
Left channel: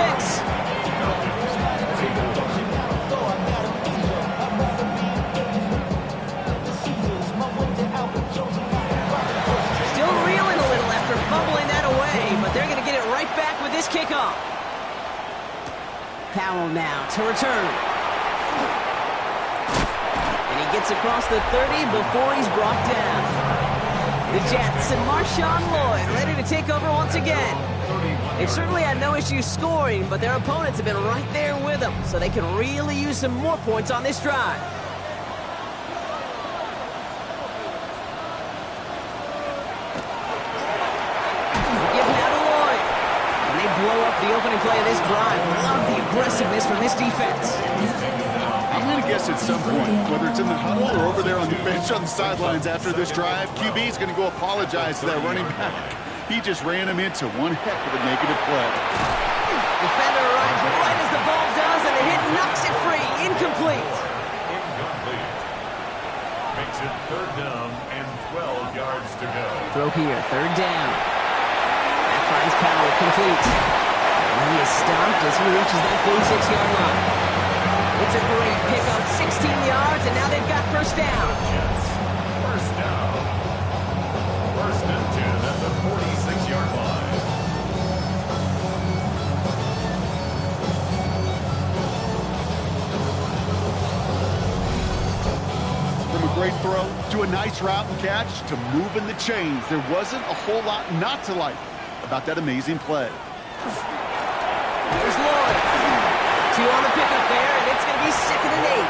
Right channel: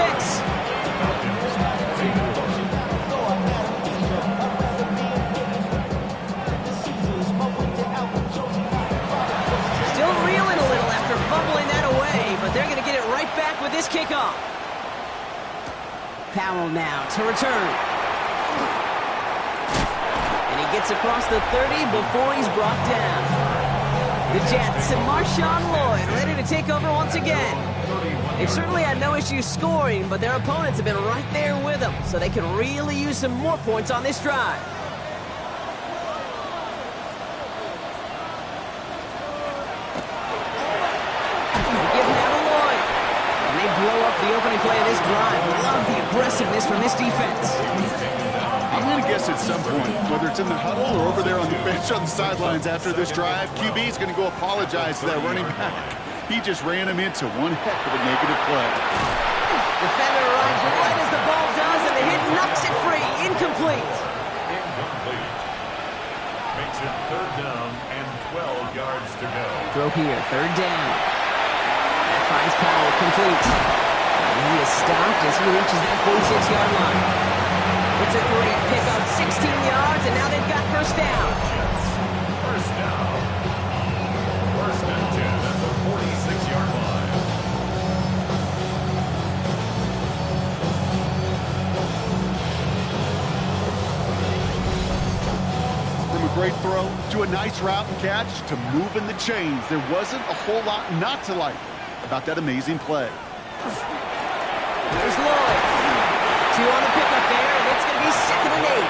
Still reeling a little after fumbling that away, but they're going to get it right back with this kickoff. Powell now to return. And he gets across the 30 before he's brought down. The Jets and Marshawn Lloyd ready to take over once again. They've certainly had no issues scoring, but their opponents have been right there with them, so they can really use some more points on this drive. They give now to Lloyd. And they blow up the opening play of this drive. Love the aggressiveness from this defense. I'm going to guess at some point, whether it's in the huddle or over there on the bench on the sidelines after this drive, QB is going to go apologize to that running back. He just ran him into one heck of a negative play. Defender arrives right as the ball does, and the hit knocks it free. Incomplete. Incomplete. Makes it third down and 12 yards to go. Throw here, third down. That finds Powell complete. And he is stopped as he reaches that 46-yard line. It's a great pickup, 16 yards, and now they've got first down. Jets, first down. First and 10 at the 46-yard line. From a great throw to a nice route and catch to moving the chains, there wasn't a whole lot not to like about that amazing play. Here's Lloyd. 2 on the pickup there, and it's going to be second and 8.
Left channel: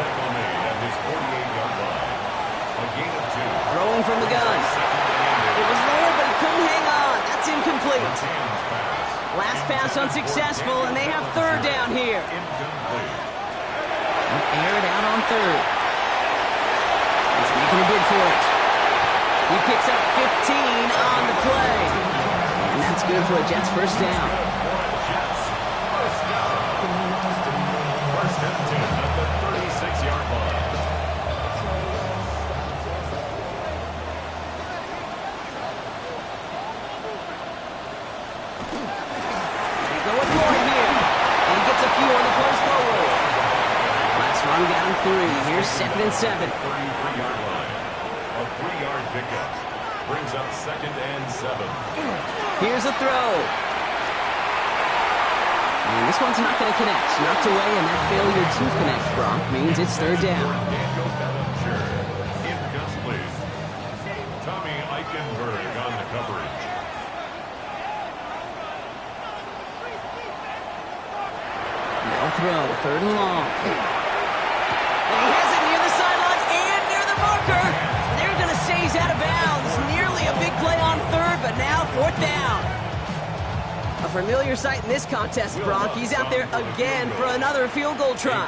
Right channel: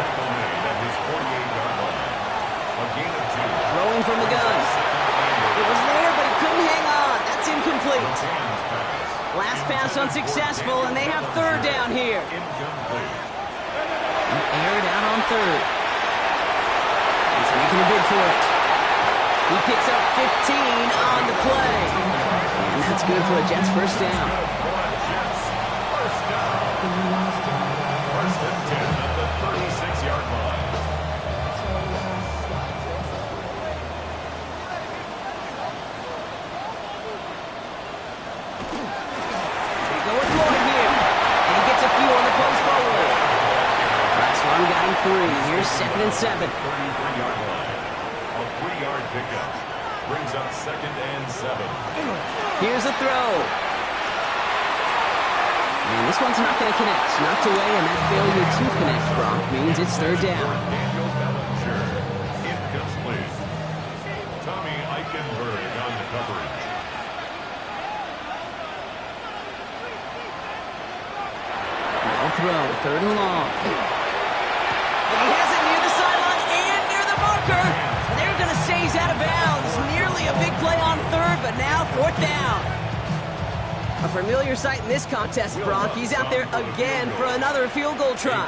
Tackle made at his 48-yard line. A gain of 2. Throwing from the gun. It was there, but he couldn't hang on. That's incomplete. Last pass unsuccessful, and they have third down here. Incomplete. Air it out on third. He's making a bid for it. He picks up 15 on the play. And that's good for a Jets first down. First down. First and 10 at the 36-yard line. They go with Lloyd here. And he gets a few on the punch forward. Last run got him 3. Here's second and 7. 33-yard line. A 3-yard pickup. Brings up second and 7. Here's a throw. And this one's not going to connect. Knocked away, and that failure to connect, Brock, means it's third down. Daniel Bellinger, incomplete. Tommy Eichenberg on the coverage. No throw, third and long. And he has it near the sideline and near the marker. They're going to say he's out of bounds. Nearly a big play on third, but now fourth down. A familiar sight in this contest, Brock. He's out there again for another field goal try.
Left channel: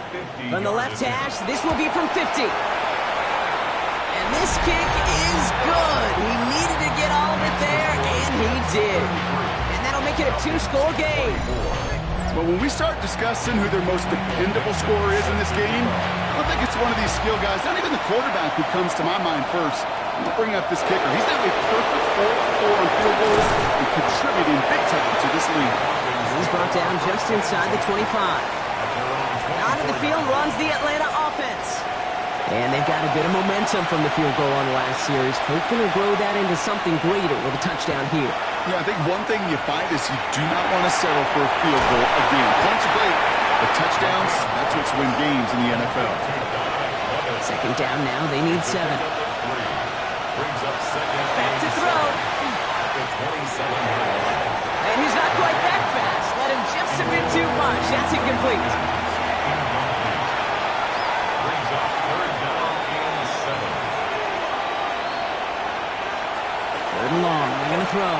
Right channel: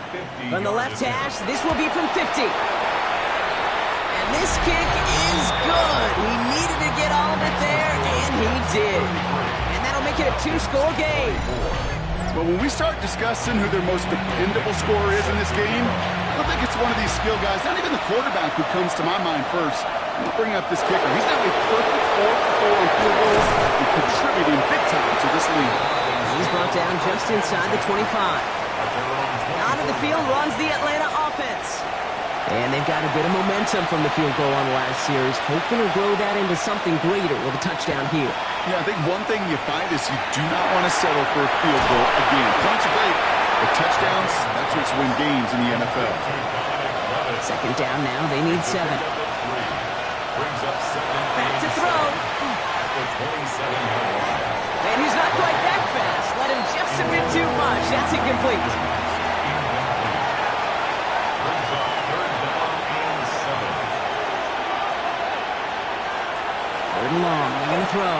From the left hash, this will be from 50. And this kick is good. He needed to get all of it there, and he did. And that'll make it a 2-score game. But when we start discussing who their most dependable scorer is in this game, I don't think it's one of these skill guys, not even the quarterback, who comes to my mind first. I'm going to bring up this kicker. He's now a perfect 4-for-4 on field goals and contributing big time to this lead. He's brought down just inside the 25. Out of the field runs the Atlanta offense. And they've got a bit of momentum from the field goal on the last series, hoping to grow that into something greater with a touchdown here. Yeah, I think one thing you find is you do not want to settle for a field goal again. Points are great, but touchdowns, that's what's win games in the NFL. Second down now, they need 7. Back to throw. And he's not quite that fast. Let him just a bit too much. That's incomplete. Brings up third down and 7. Third and long, they're going to throw.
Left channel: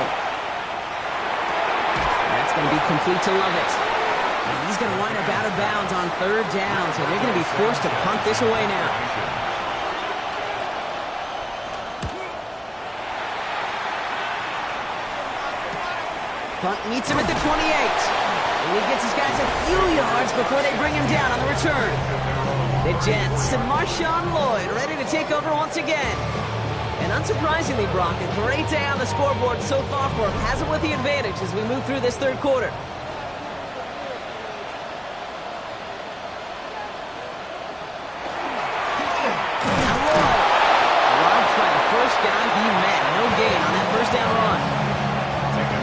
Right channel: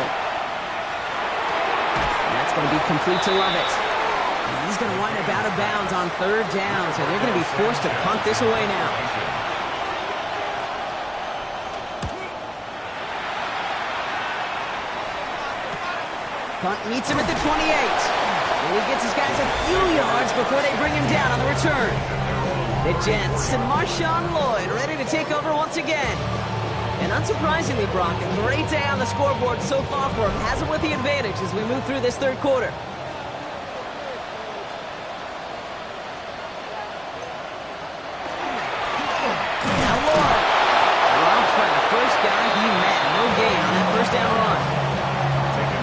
And that's going to be complete to Lovett. And he's going to wind up out of bounds on third down, so they're going to be forced to punt this away now. Punt meets him at the 28. And he gets his guys a few yards before they bring him down on the return. The Jets and Marshawn Lloyd ready to take over once again. And unsurprisingly, Brock, a great day on the scoreboard so far for him. Has him with the advantage as we move through this third quarter. Now Lloyd dropped by the first guy he met. No gain on that first down run.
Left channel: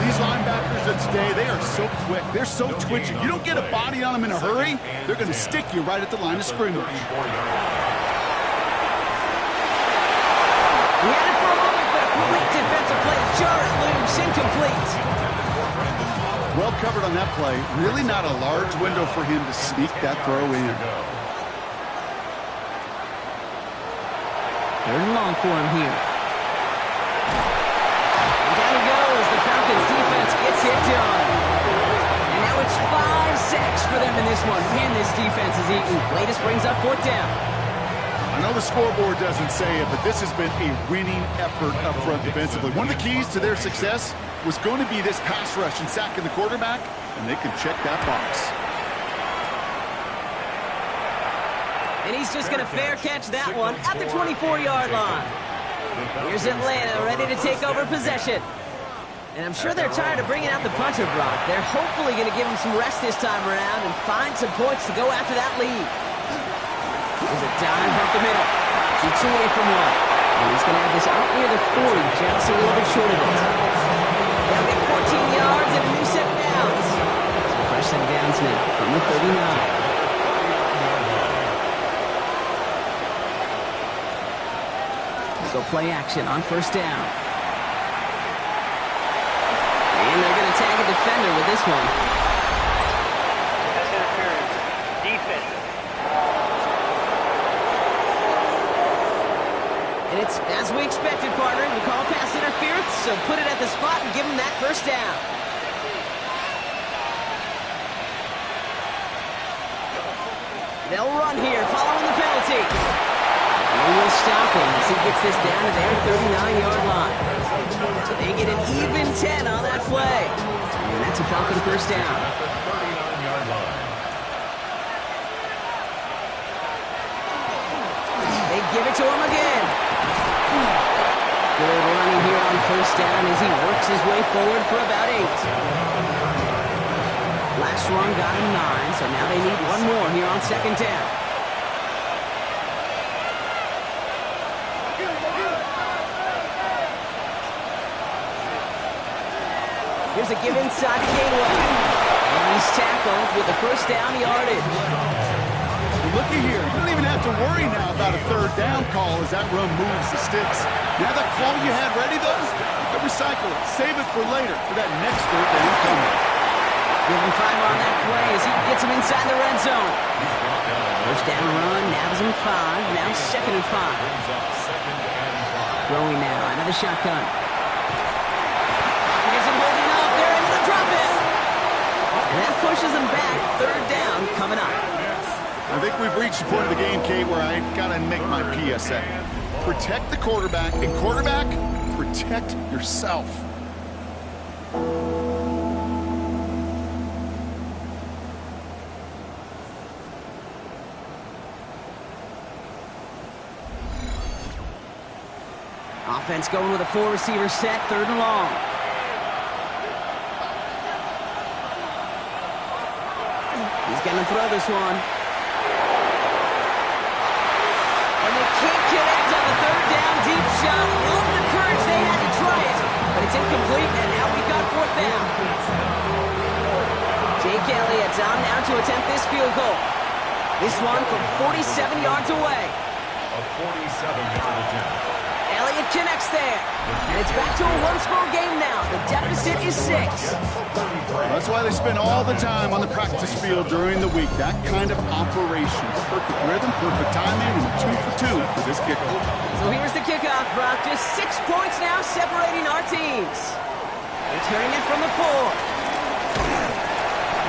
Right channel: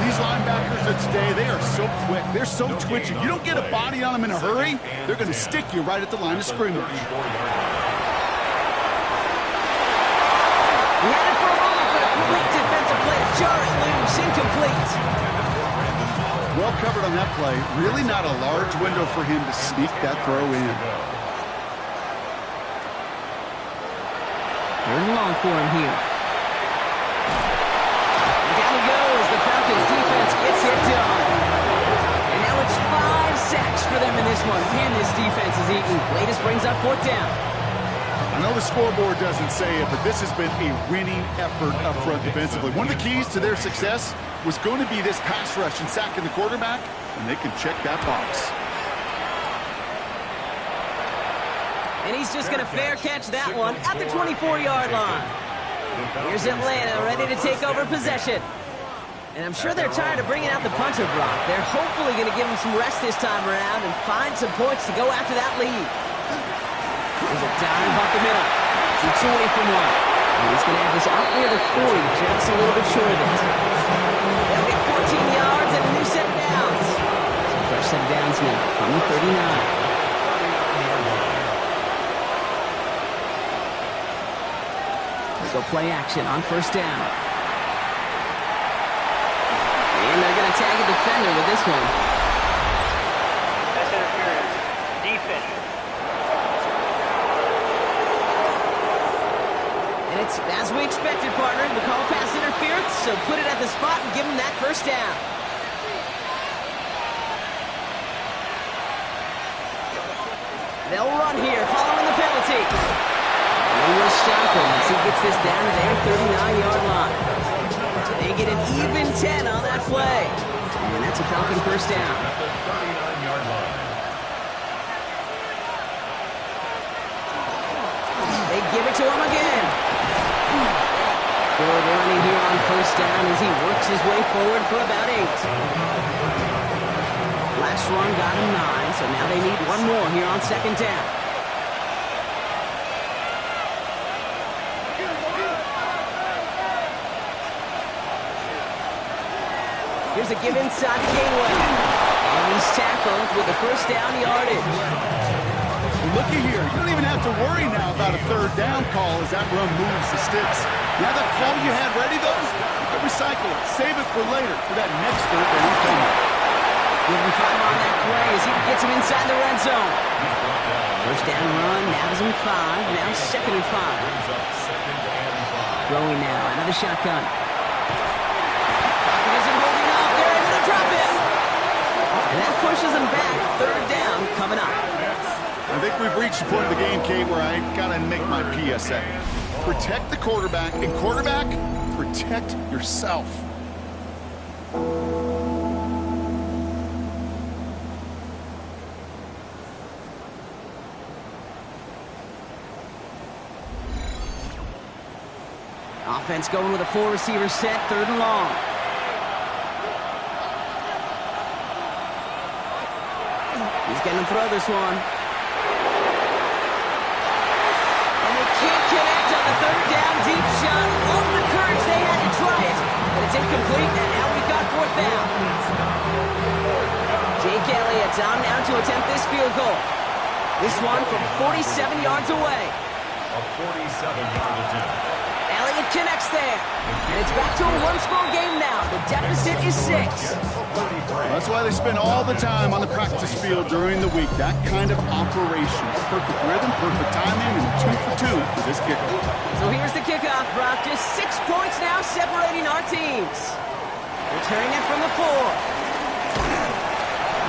These linebackers of today, they are so quick. They're so twitchy. You don't get a body on them in a hurry, they're going to stick you right at the line of scrimmage. He had it for a moment, but a great defensive play to jar it loose. Incomplete. Well covered on that play. Really not a large window for him to sneak that throw in. Third and long for him here. And down he goes. The Falcons defense gets it done. And now it's 5 sacks for them in this one. Man, this defense is eating. Latest brings up fourth down. I know the scoreboard doesn't say it, but this has been a winning effort up front defensively. One of the keys to their success was going to be this pass rush and sacking the quarterback, and they can check that box. And he's just going to fair catch that one at the 24-yard line. Here's Atlanta ready to take over possession. And I'm sure they're tired of bringing out the punter, Brock. They're hopefully going to give him some rest this time around and find some points to go after that lead. There's a dive up the middle. Keeps away from one. And he's going to have this out near the 40, just a little bit short of it. They'll get 14 yards and a new set of downs. Some fresh set of downs now from the 39. Go play action on first down. And they're going to tag a defender with this one. Pass interference. Defense. And it's as we expected, partner. The call pass interference, so put it at the spot and give them that first down. They'll run here following the penalty. They will stop him as he gets this down to their 39-yard line. They get an even 10 on that play. And that's a Falcon first down. At the 39-yard line. They give it to him again. Good running here on first down as he works his way forward for about 8. Last run got him 9, so now they need one more here on second down. Here's a give inside the gateway. And he's tackled with the first down yardage. Well, looky here. You don't even have to worry now about a third down call as that run moves the sticks. Now that call you had ready, though, you can recycle it. Save it for later for that next third down coming. Give him 5 on that play as he gets him inside the red zone. First down run, nabs him 5. Now second and 5. Throwing now, another shotgun. Pocket isn't holding up. They're able to drop it. And that pushes them back. Third down coming up. I think we've reached the point of the game, Kate, where I got to make my PSA. Protect the quarterback, and quarterback, protect yourself. Offense going with a 4-receiver set, third and long. He's going to throw this one. And they can't connect on the third down deep shot. Love the courage they had to try it, but it's incomplete, and now we've got fourth down. Jake Elliott's on now to attempt this field goal. This one from 47 yards away. A 47-yard attempt. Elliott connects there. And it's back to a one-score game now. The deficit is 6. That's why they spend all the time on the practice field during the week. That kind of operation. Perfect rhythm, perfect timing, and 2 for 2 for this kickoff. So here's the kickoff, Brock. Just 6 points now separating our teams. Returning it from the 4.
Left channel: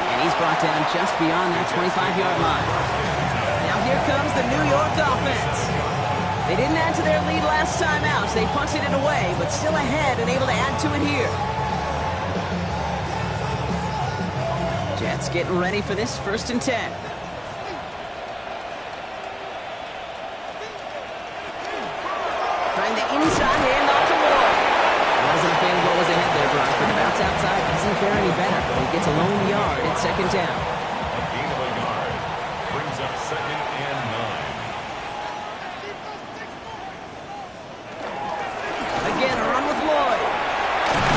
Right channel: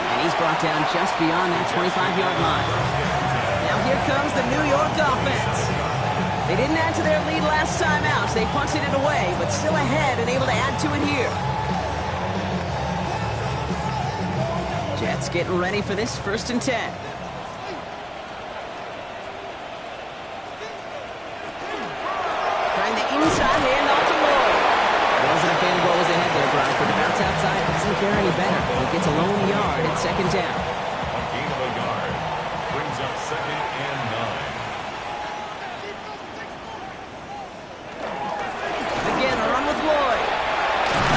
And he's brought down just beyond that 25-yard line. Now here comes the New York offense. They didn't add to their lead last time out, so they punted it away, but still ahead and able to add to it here. Jets getting ready for this 1st and 10. Trying the inside handoff to Lloyd. Wasn't a fan of what was ahead there, Brock, but the bounce outside doesn't fare any better. He gets a lone yard at 2nd down. A gain of a yard brings up 2nd and 9. Again, a run with Lloyd.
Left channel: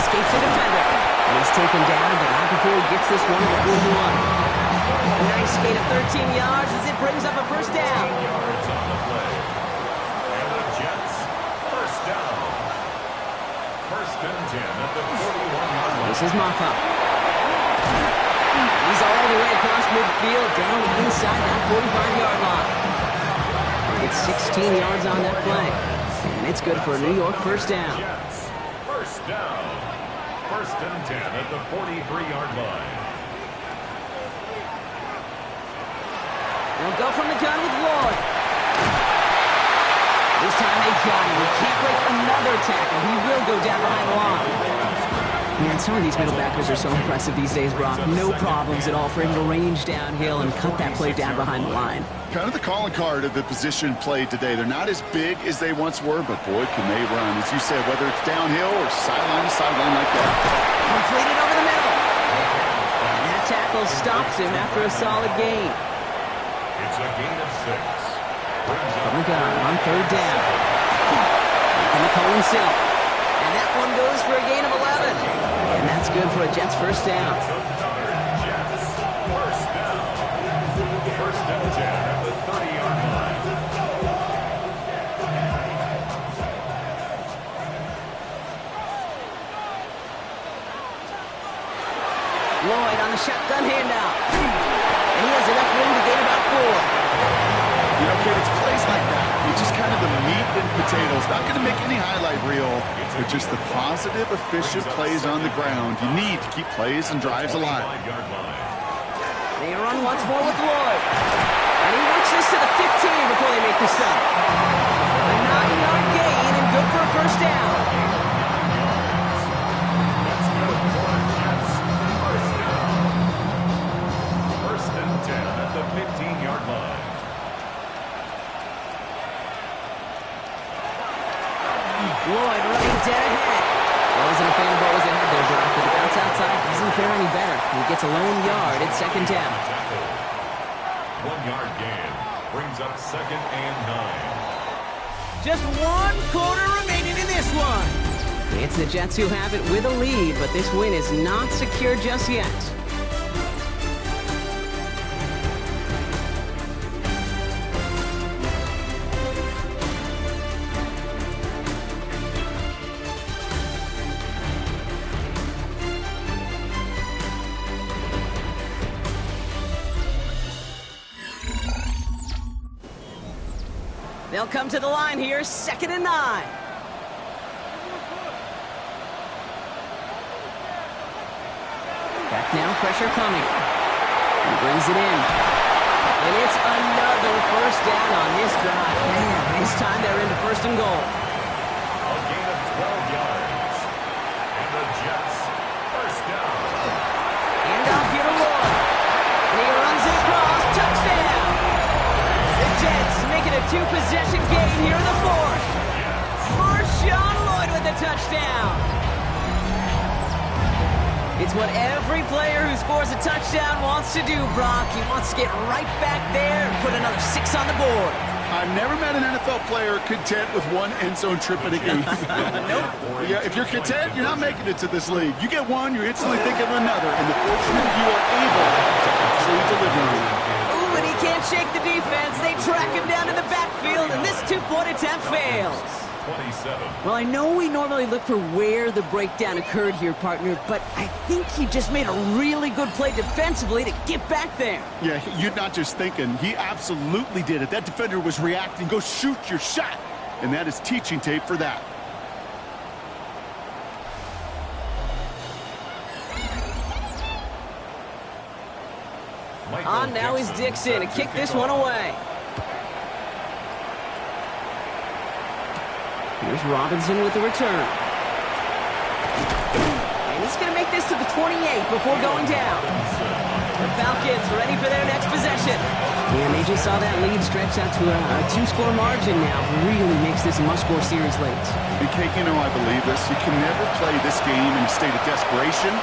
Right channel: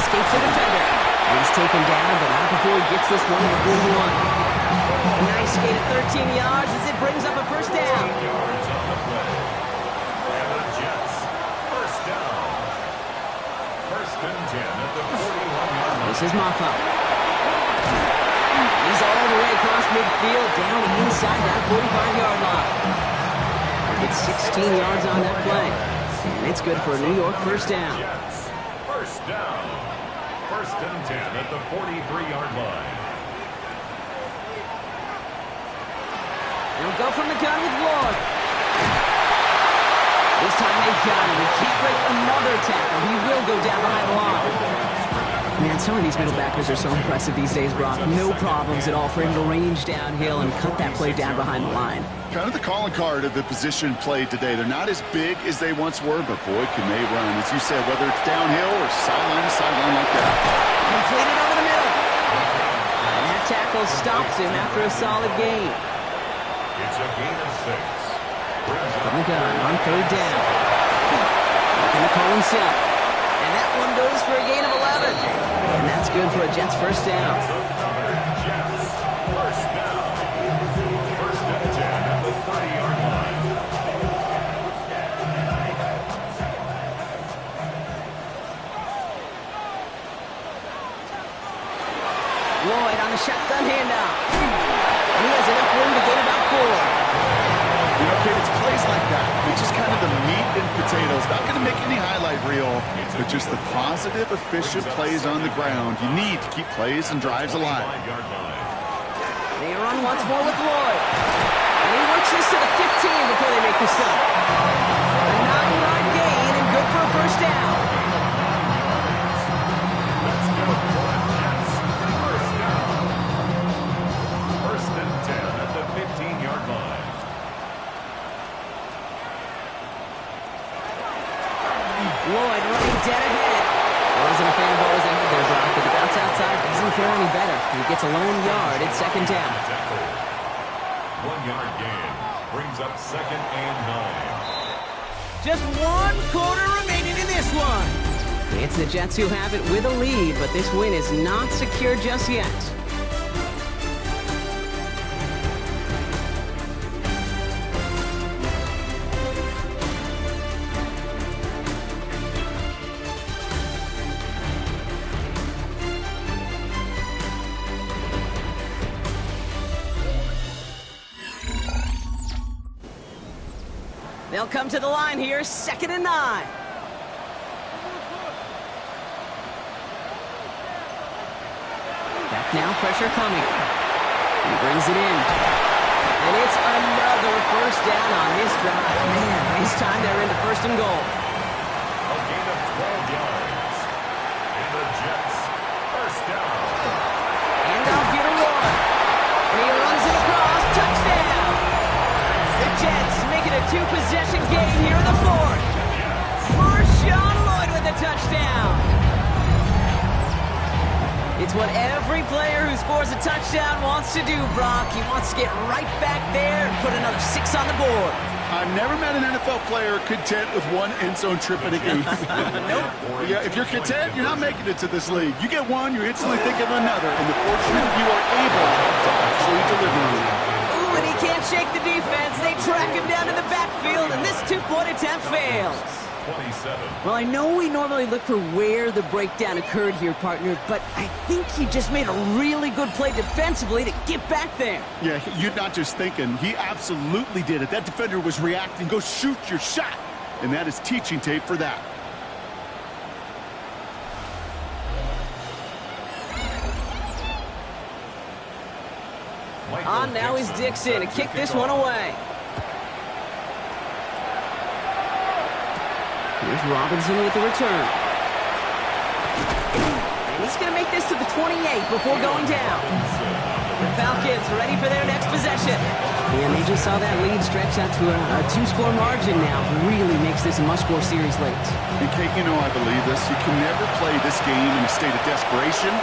Escapes the defender. And he's taken down, but not before he gets this one to the 41. A nice gain of 13 yards as it brings up a 1st down. 13 yards on the play. And the Jets, 1st down. 1st and 10 at the 41-yard line. This is Maffa. He's all the way across midfield, down inside that 45-yard line. Gets 16 yards on that play. And it's good for a New York 1st down. Jets, 1st down. 1st and 10 at the 43-yard line. They'll go from the gun with Lloyd. This time they've got him. He can't break another tackle. He will go down behind the line. Man, some of these middle backers are so impressive these days, Brock. No problems at all for him to range downhill and cut that play down behind the line. Kind of the calling card of the position played today. They're not as big as they once were, but boy, can they run. As you said, whether it's downhill or sideline to sideline like that. Completed over the middle. And that tackle stops him after a solid gain. It's a gain of 6. From the gun on 3rd down. Making the call himself. And that one goes for a gain of 11. And that's good for a Jets 1st down. Another Jets 1st down. 1st and 10 at the 30-yard line. Lloyd on the shotgun handoff. And he has enough room to gain about 4. You know, kid, it's plays like that. It's just kind of the meat and potatoes. Not going to make any highlight reel, but just the positive, efficient plays on the ground. You need to keep plays and drives alive. They run once more with Lloyd. And he works this to the 15 before they make the stop. A 9-yard gain and good for a 1st down. That's good for the Jets. 1st down. 1st and 10 at the 15-yard line. Lloyd running dead ahead. Wasn't a fan of what was ahead there, Brock, but the bounce outside doesn't fare any better. He gets a lone yard at 2nd down. 1-yard gain brings up 2nd and 9. Just 1 quarter remaining in this one. It's the Jets who have it with a lead, but this win is not secure just yet. They'll come to the line here, 2nd and 9. Back now, pressure coming. He brings it in. And it's another 1st down on this drive. Man, this time they're into 1st and goal. A gain of 12 yards. And the Jets, 1st down. Handoff here to Lloyd. And he runs it across, touchdown. The Jets make it a 2-possession game here in the 4th. Marshawn Lloyd with the touchdown. It's what every player who scores a touchdown wants to do, Brock. He wants to get right back there and put another 6 on the board. I've never met an NFL player content with one end zone trip in a game. Nope. Yeah, if you're content, you're not making it to this league. You get one, you're instantly thinking of another, and the fortunate few are able to actually deliver on it. Ooh, and he can't shake the defense. They track him down in the backfield, and this two-point attempt fails. 27. Well, I know we normally look for where the breakdown occurred here, partner, but I think he just made a really good play defensively to get back there. Yeah, you're not just thinking. He absolutely did it. That defender was reacting. Go shoot your shot. And that is teaching tape for that. On now is Dixon to kick this one away. Here's Robinson with the return. And he's going to make this to the 28 before going down. The Falcons ready for their next possession. And they just saw that lead stretch out to a two-score margin now. Really makes this a must-score series late. And Kate, you know I believe this. You can never play this game in a state of desperation,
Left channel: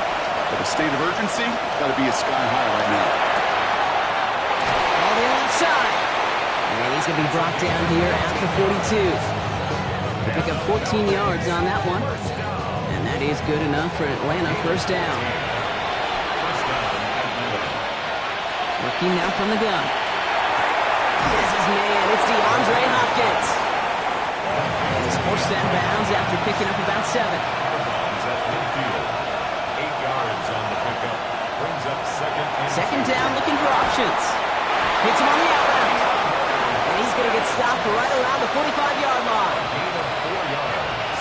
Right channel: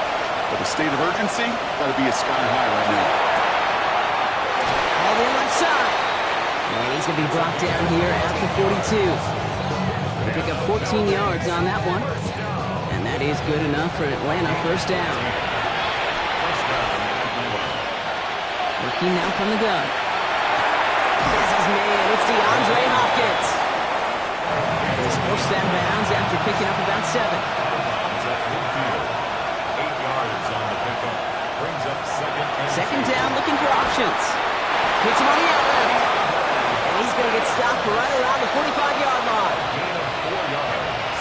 but a state of urgency got to be a sky high right now. All in left side. And he's going to be brought down here at the 42. They pick up 14 yards on that one. And that is good enough for Atlanta. First down. Working now from the gun. This is man. It's DeAndre Hopkins. He's forced that bounds after picking up about 7. 8 yards on the pickup. Brings up Second down, looking for options. Hits him on the out route. And he's going to get stopped right around the 45-yard line. Gain of 4 yards.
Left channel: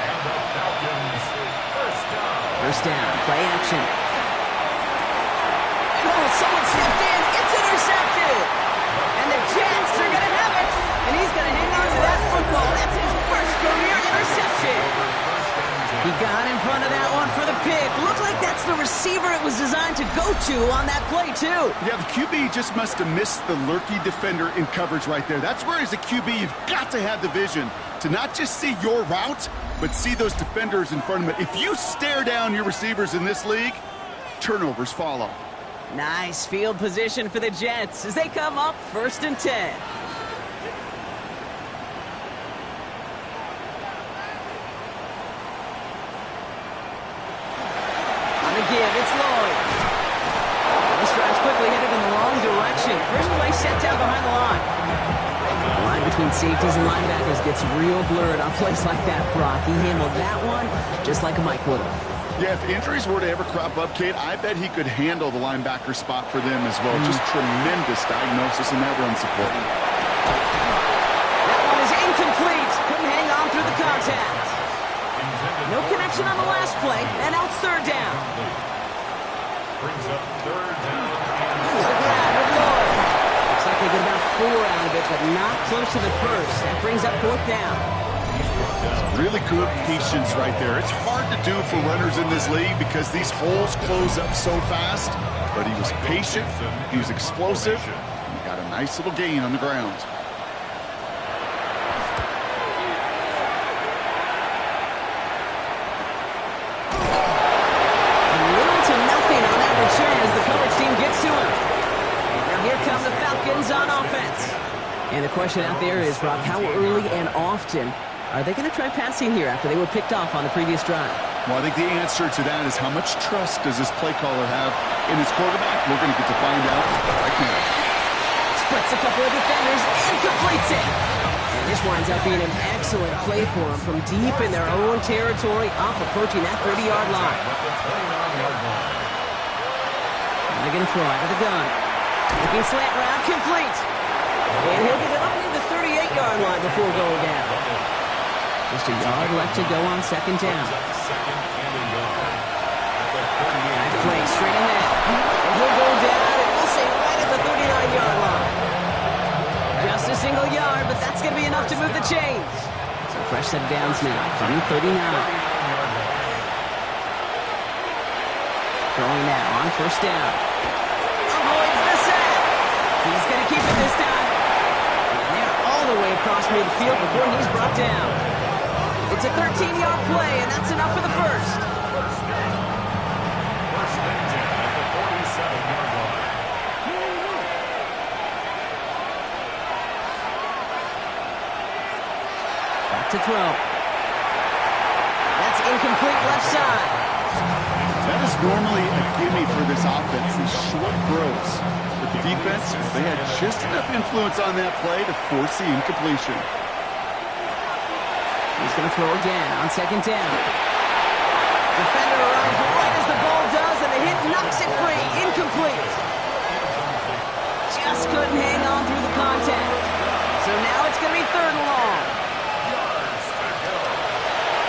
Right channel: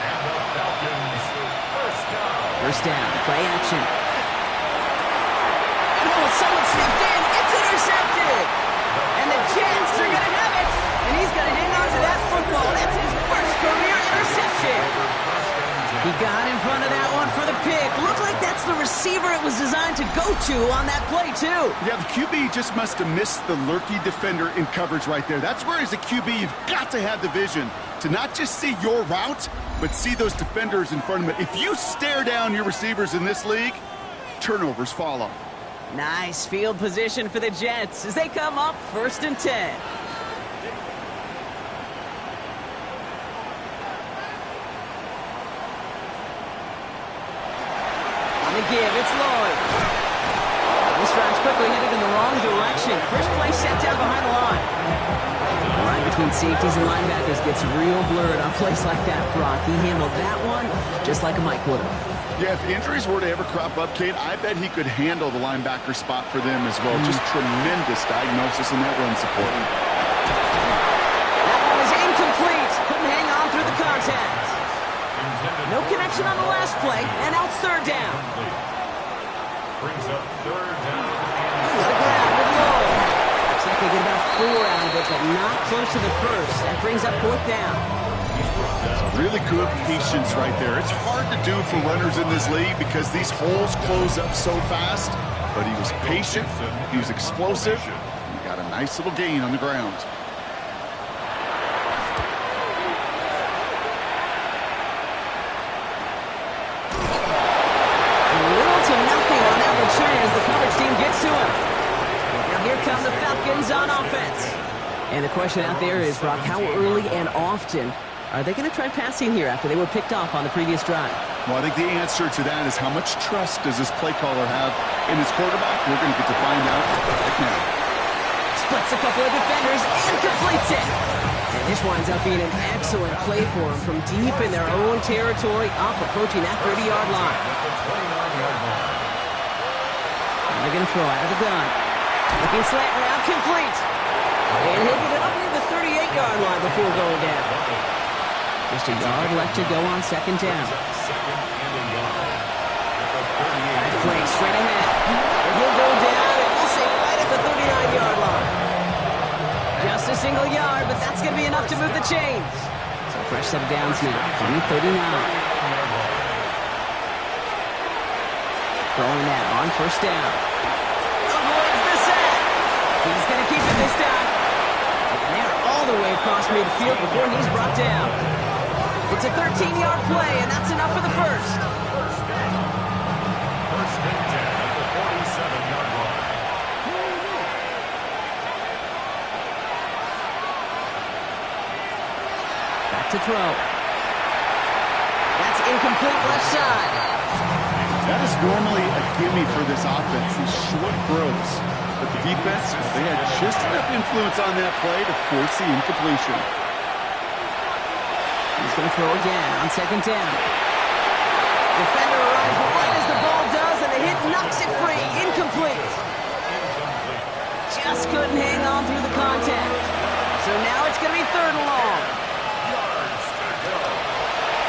And the Falcons first down. First down, play action. And oh, someone stepped in. It's intercepted. And the Jets are going to have it. And he's going to hang on to that football. That's his first career interception. He got in front of that one for the pick. Looked like that's the receiver it was designed to go to on that play, too. Yeah, the QB just must have missed the lurky defender in coverage right there. That's where, as a QB, you've got to have the vision to not just see your route, but see those defenders in front of it. If you stare down your receivers in this league, turnovers follow. Nice field position for the Jets as they come up 1st and 10. On the give, it's Lloyd. This drive's quickly headed in the wrong direction. First play set down behind the line. The line between safeties and linebackers gets real blurred on plays like that, Brock. He handled that one just like a Mike would have. Yeah, if injuries were to ever crop up, Kate, I bet he could handle the linebacker spot for them as well. Just tremendous diagnosis in that run support. That one is incomplete. Couldn't hang on through the contact. No connection on the last play, and now it's 3rd down. Brings up 3rd down. To the ground with Lloyd. Looks like they get about 4 out of it, but not close to the first. That brings up 4th down. Really good patience right there. It's hard to do for runners in this league because these holes close up so fast, but he was patient, he was explosive, and he got a nice little gain on the ground. Little to nothing on that return as the coverage team gets to him. Now here come the Falcons on offense. And the question out there is, Brock, how early and often are they going to try passing here after they were picked off on the previous drive? Well, I think the answer to that is how much trust does this play caller have in his quarterback? We're going to get to find out right now. Splits a couple of defenders and completes it. And this winds up being an excellent play for him from deep in their own territory, up approaching that 30-yard line. And they're going to throw out of the gun. Looking slant route, complete. And he'll get it up near the 38-yard line before going down. Just a yard left to go on 2nd down. Nice play straight ahead. And he'll go down, and we'll say right at the 39-yard line. Just a single yard, but that's going to be enough to move the chains. So fresh set of downs now from the 39. Throwing now on 1st down. Avoids the sack. He's going to keep it this time. And they're all the way across midfield before he's brought down. It's a 13-yard play, and that's enough for the first. First down. 1st and 10 at the 47-yard line. to throw. That's incomplete left side. That is normally a gimme for this offense, these short throws. But the defense, they had just enough influence on that play to force the incompletion. He's going to throw again on second down. Defender arrives right as the ball does, and the hit knocks it free. Incomplete. Just couldn't hang on through the contact. So now it's going to be third and long.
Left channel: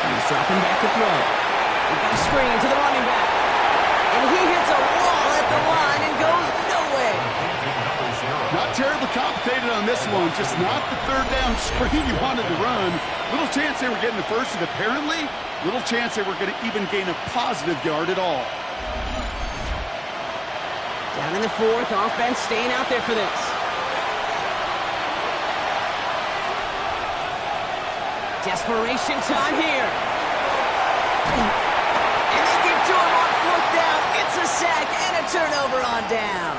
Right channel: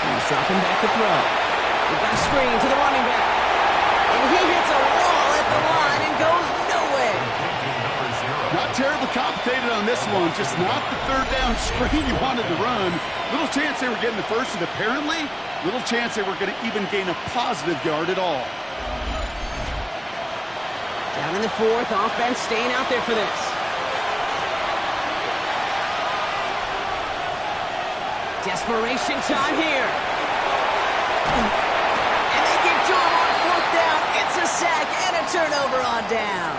He's dropping back to throw. We've got a screen to the running back. And he hits a wall at the line and goes nowhere. Not terribly complicated on this one, just not the third down screen you wanted to run. Little chance they were getting the first, and apparently, little chance they were going to even gain a positive yard at all. Down in the fourth, offense staying out there for this. Desperation time here. And they get to him on fourth down. It's a sack and a turnover on down.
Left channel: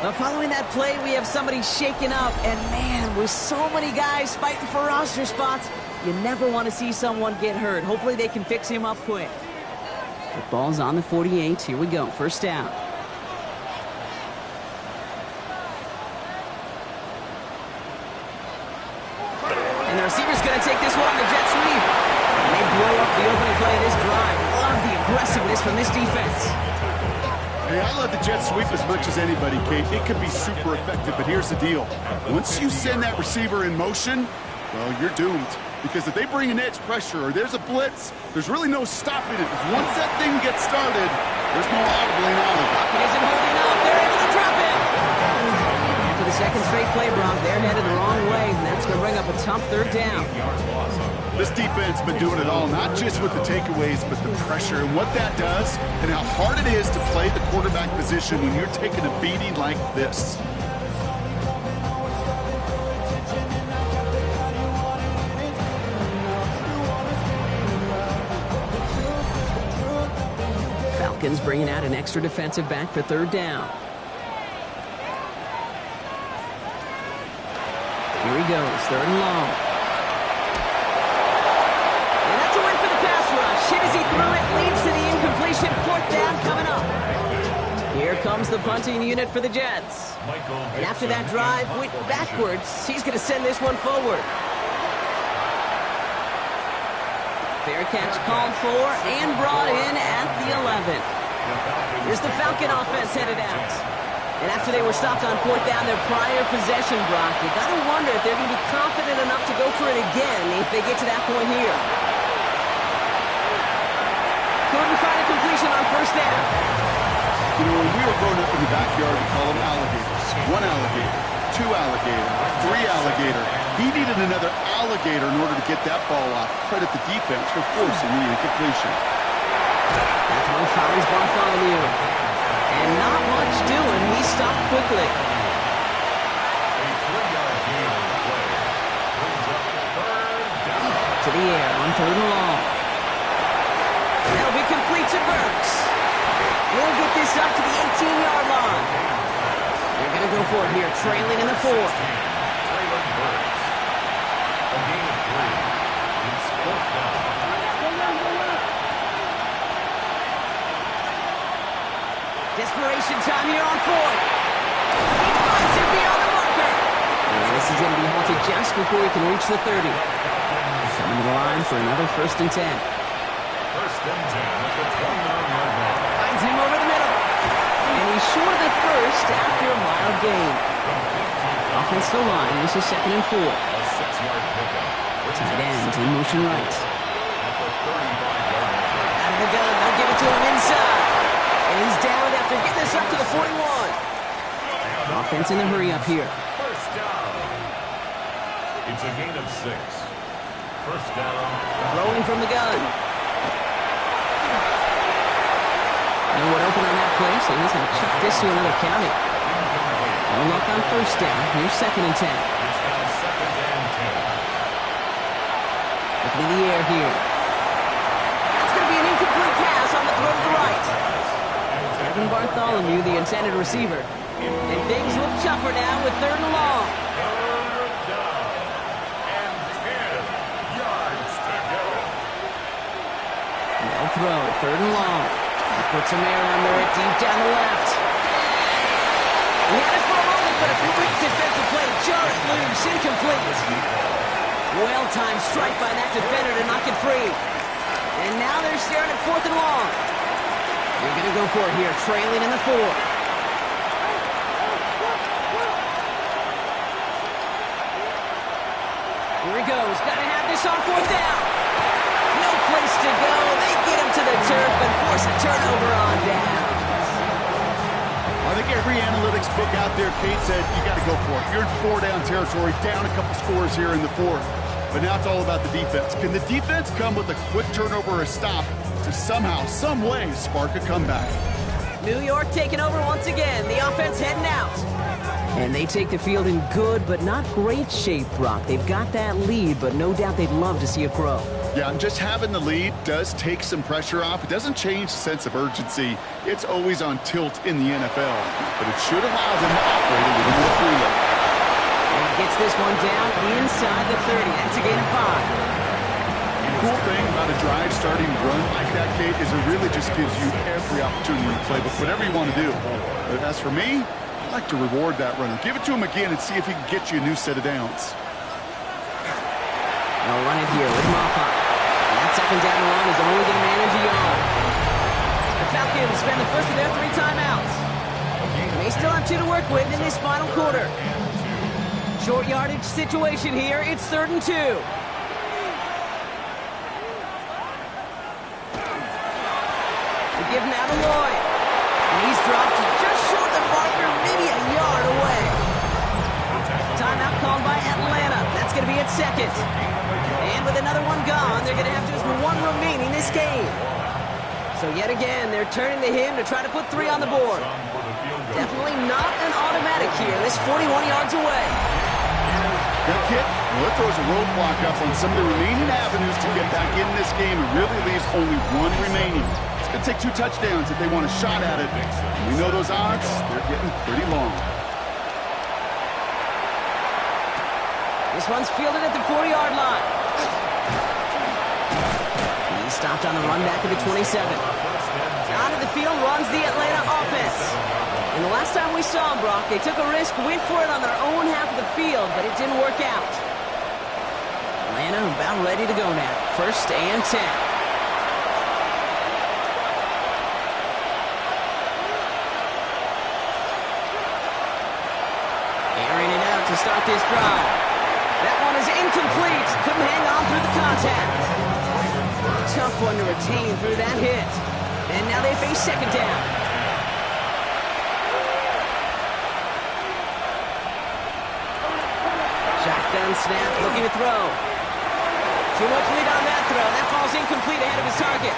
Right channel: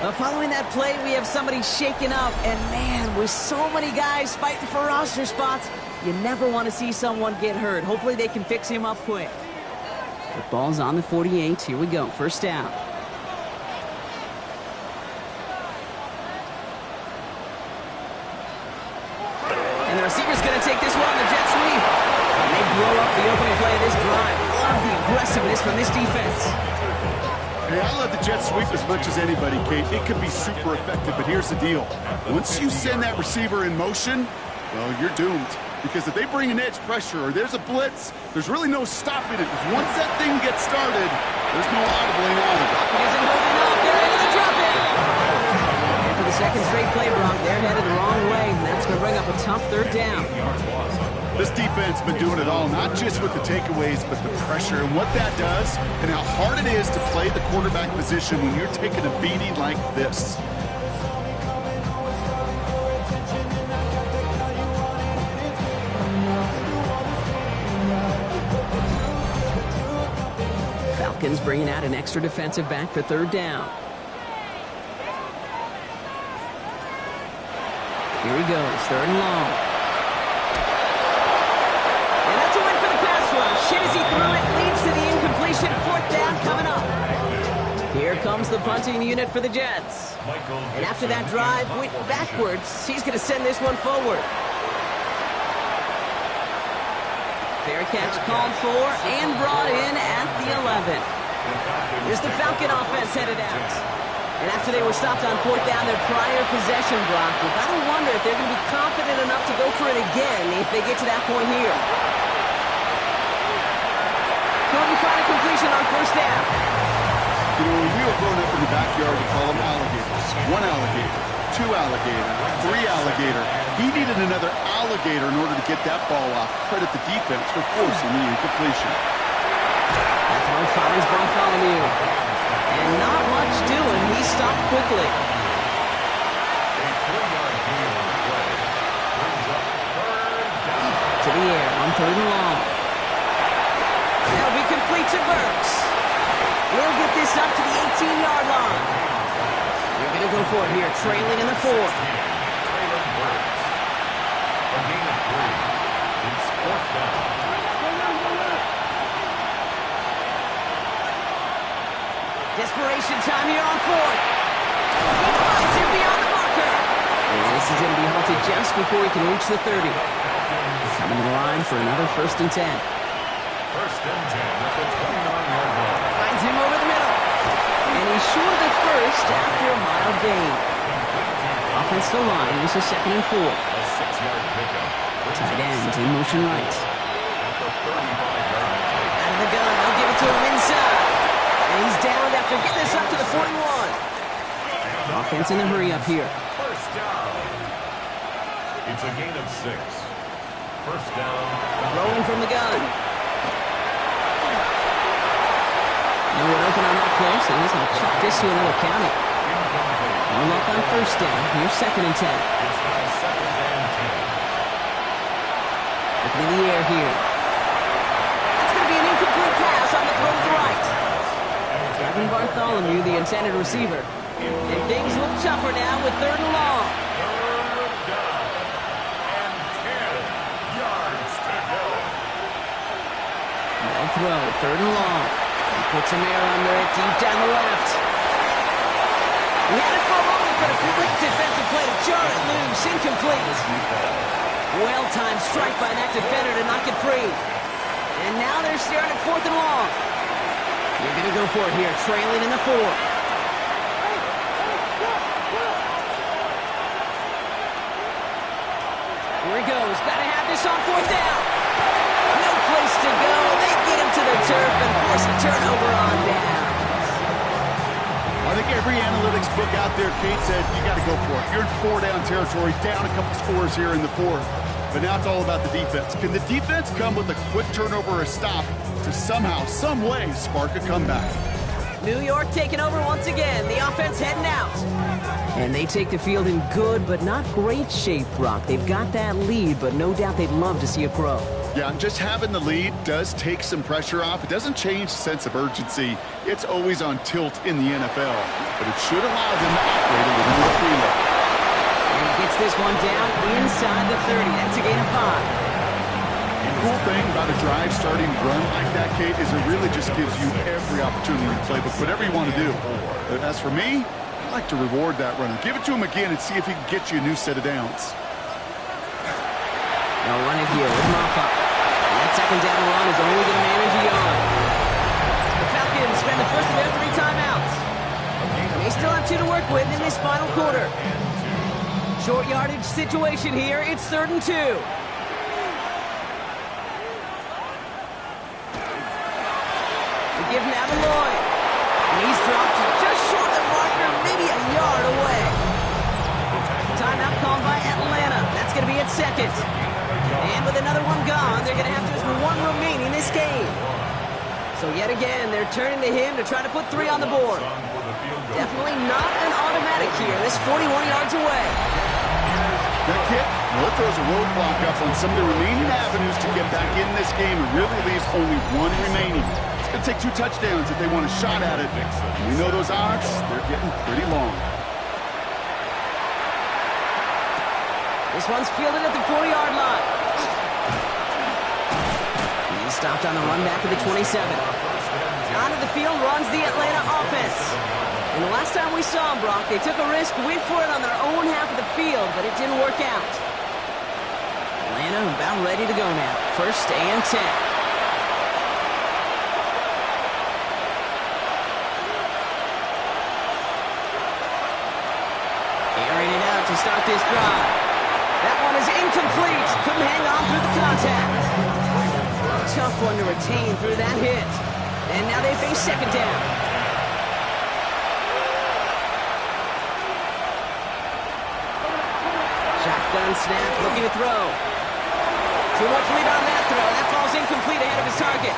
But following that play, we have somebody shaken up. And man, with so many guys fighting for roster spots, you never want to see someone get hurt. Hopefully they can fix him up quick. The ball's on the 48. Here we go. First down. And the receiver's going to take this one on the jet sweep. And they blow up the opening play of this drive. Love the aggressiveness from this defense. Hey, I love the jet sweep as much as anybody, Kate. It can be super effective, but here's the deal. Once you send that receiver in motion, well, you're doomed. Because if they bring an edge pressure or there's a blitz, there's really no stopping it. Because once that thing gets started, there's no audibling out of it. It isn't holding up. They're able to drop it. And for the second straight play, Brock, they're headed the wrong way. And that's going to bring up a tough third down. This defense has been doing it all, not just with the takeaways, but the pressure and what that does and how hard it is to play the quarterback position when you're taking a beating like this. Falcons bringing out an extra defensive back for third down. Here he goes, third and long. And that's a win for the pass rush. Hit as he threw it, leads to the incompletion. Fourth down coming up. Here comes the punting unit for the Jets. And after that drive went backwards, he's going to send this one forward. Fair catch called for and brought in at the 11. Here's the Falcon offense headed out. And after they were stopped on fourth down, their prior possession, Brock, you got to wonder if they're going to be confident enough to go for it again if they get to that point here. Couldn't find a completion on first down. You know, when we were growing up in the backyard, we call them alligators. One alligator, two alligator, three alligator. He needed another alligator in order to get that ball off. Credit the defense for forcing the incompletion. That throw finds Bartholomew. And not much doing. He stopped quickly. A 3-yard gain on the play brings up third down. To the air on third and long. That'll be complete to Burks. And he'll get this up to the 18-yard line. They're going to go for it here, trailing in the fourth. Traylon Burks. A gain of 3. It's fourth down. Desperation time here on fourth. He finds him beyond the marker. And this is going to be halted just before he can reach the 30. Coming to the line for another 1st and 10. 1st and 10 at the 29-yard line. Finds him over the middle. And he's short of the first after a mild gain. Offensive line, this is 2nd and 4. A 6-yard pickup. Tight end in motion right. At the 35-yard line. Out of the gun, they'll give it to him inside. And he's down after getting this up to the 41. Offense in the hurry up here. First down. It's a gain of 6. First down. Throwing from the gun. No one open on that play, so he's going to chuck this to another county. No luck on first down. Here's 2nd and 10. It's now 2nd and 10. Looking in the air here. That's going to be an incomplete pass on the throw to the right. Kevin Bartholomew, the intended receiver. And things look tougher now with third and long. Third down and 10. Now throw, 3rd and long. He puts some air under it, deep down the left. He had it for a moment, but a great defensive play to jar it loose, incomplete. Well-timed strike by that defender to knock it free. And now they're staring at 4th and long. They're going to go for it here, trailing in the 4th. Here he goes. Got to have this on 4th down. No place to go. They get him to the turf and force a turnover on down. I think every analytics book out there, Kate, said you got to go for it. You're in 4-down territory, down a couple scores here in the 4th. But now it's all about the defense. Can the defense come with a quick turnover or a stop to somehow, some way, spark a comeback? New York taking over once again. The offense heading out. And they take the field in good but not great shape, Brock. They've got that lead, but no doubt they'd love to see it grow. Yeah, and just having the lead does take some pressure off. It doesn't change the sense of urgency. It's always on tilt in the NFL. But it should allow them to operate a little more freely. And he gets this one down inside the 30. That's a gain of 5. The cool thing about a drive starting run like that, Kate, is it really just gives you every opportunity to play, but whatever you want to do. As for me, I like to reward that runner. Give it to him again and see if he can get you a new set of downs. They'll run it here with Moffat. That 2nd down run is only going to manage a yard. The Falcons spend the first of their 3 timeouts. They still have 2 to work with in this final quarter. Short yardage situation here. It's 3rd and 2. They give now to Lloyd. And he's dropped just short of the marker, maybe a yard away. Timeout called by Atlanta. That's going to be at 2nd. And with another one gone, they're going to have just 1 remaining this game. So yet again, they're turning to him to try to put 3 on the board. Definitely not an automatic here. This 41 yards away. That kick, well, it throws a roadblock up on some of the remaining avenues to get back in this game. It really leaves only 1 remaining. It's going to take 2 touchdowns if they want a shot at it. We know those odds, they're getting pretty long. This one's fielded at the 40-yard line. He's stopped on the run back of the 27. Onto the field runs the Atlanta offense. And the last time we saw them, Brock, they took a risk, went for it on their own half of the field, but it didn't work out. Atlanta about ready to go now. 1st and 10. Airing it out to start this drive. That one is incomplete. Couldn't hang on through the contact. Tough one to retain through that hit. And now they face 2nd down. Shotgun snap, looking to throw. Too much lead on that throw. That ball's incomplete ahead of his target.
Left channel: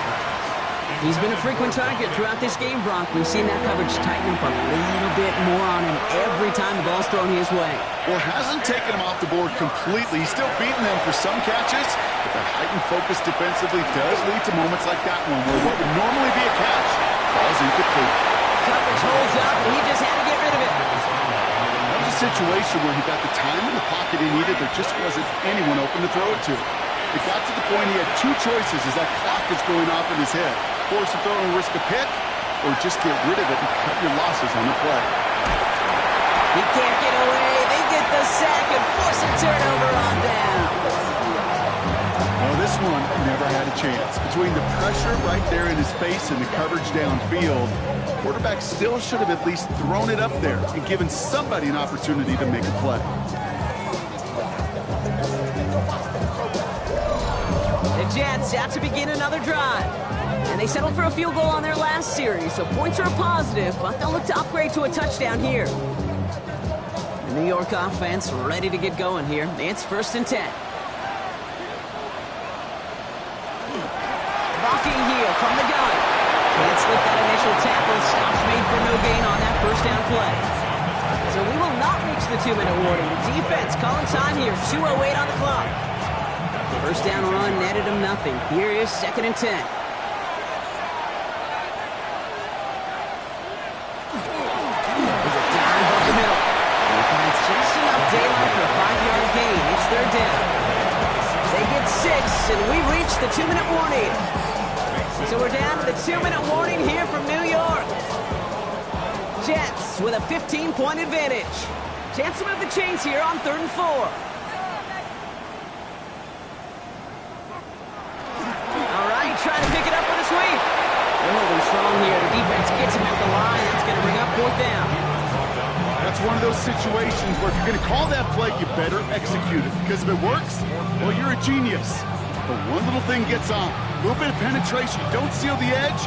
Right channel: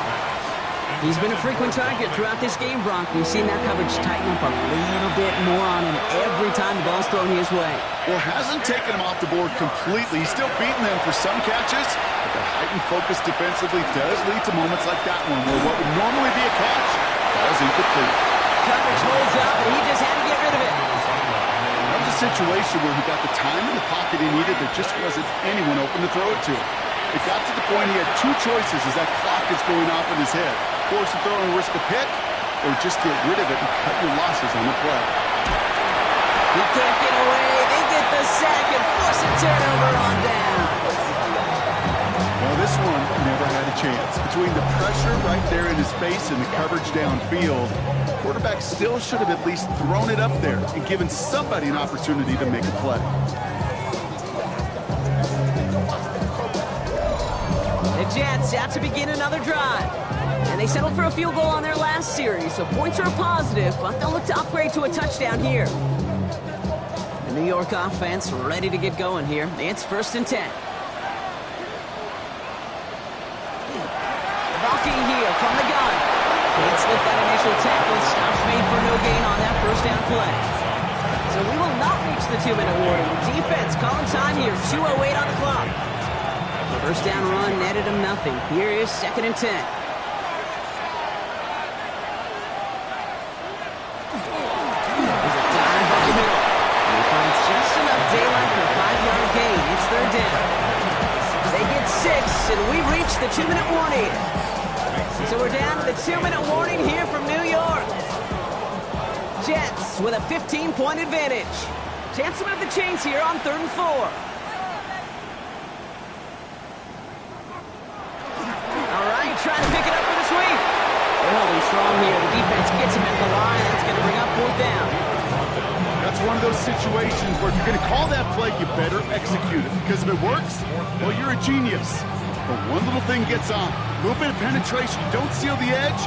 He's been a frequent target throughout this game, Brock. We've seen that coverage tighten up a little bit more on him every time the ball's thrown his way. Well, hasn't taken him off the board completely. He's still beating them for some catches, but that heightened focus defensively does lead to moments like that one, where what would normally be a catch falls incomplete. Coverage holds up, and he just had to get rid of it. That was a situation where he got the time in the pocket he needed. There just wasn't anyone open to throw it to. It got to the point he had 2 choices as that clock is going off in his head. Force a throw and risk a pick, or just get rid of it and cut your losses on the play. He can't get away. They get the sack and force a turnover on down. Well, this one never had a chance. Between the pressure right there in his face and the coverage downfield, quarterback still should have at least thrown it up there and given somebody an opportunity to make a play. The Jets out to begin another drive. And they settled for a field goal on their last series, so points are a positive, but they'll look to upgrade to a touchdown here. The New York offense ready to get going here. It's 1st and 10. Blocking heel from the gun. Can't slip that initial tackle. Stops made for no gain on that 1st down play. So we will not reach the 2-minute warning. The defense calling time here. 2:08 on the clock. 1st down run netted him nothing. Here is 2nd and 10. There's a dive up the middle. And he finds just enough daylight for a 5-yard gain. It's 3rd down. They get 6, and we reach the 2-minute warning. So we're down to the 2-minute warning here from New York. Jets with a 15-point advantage. Chance to move the chains here on 3rd and 4. All right, trying to pick it up with a sweep. They're holding strong here. The defense gets him at the line. That's going to bring up 4th down. That's one of those situations where if you're going to call that play, you better execute it. Because if it works, well, you're a genius. But one little thing gets on. A little bit of penetration. You don't seal the edge,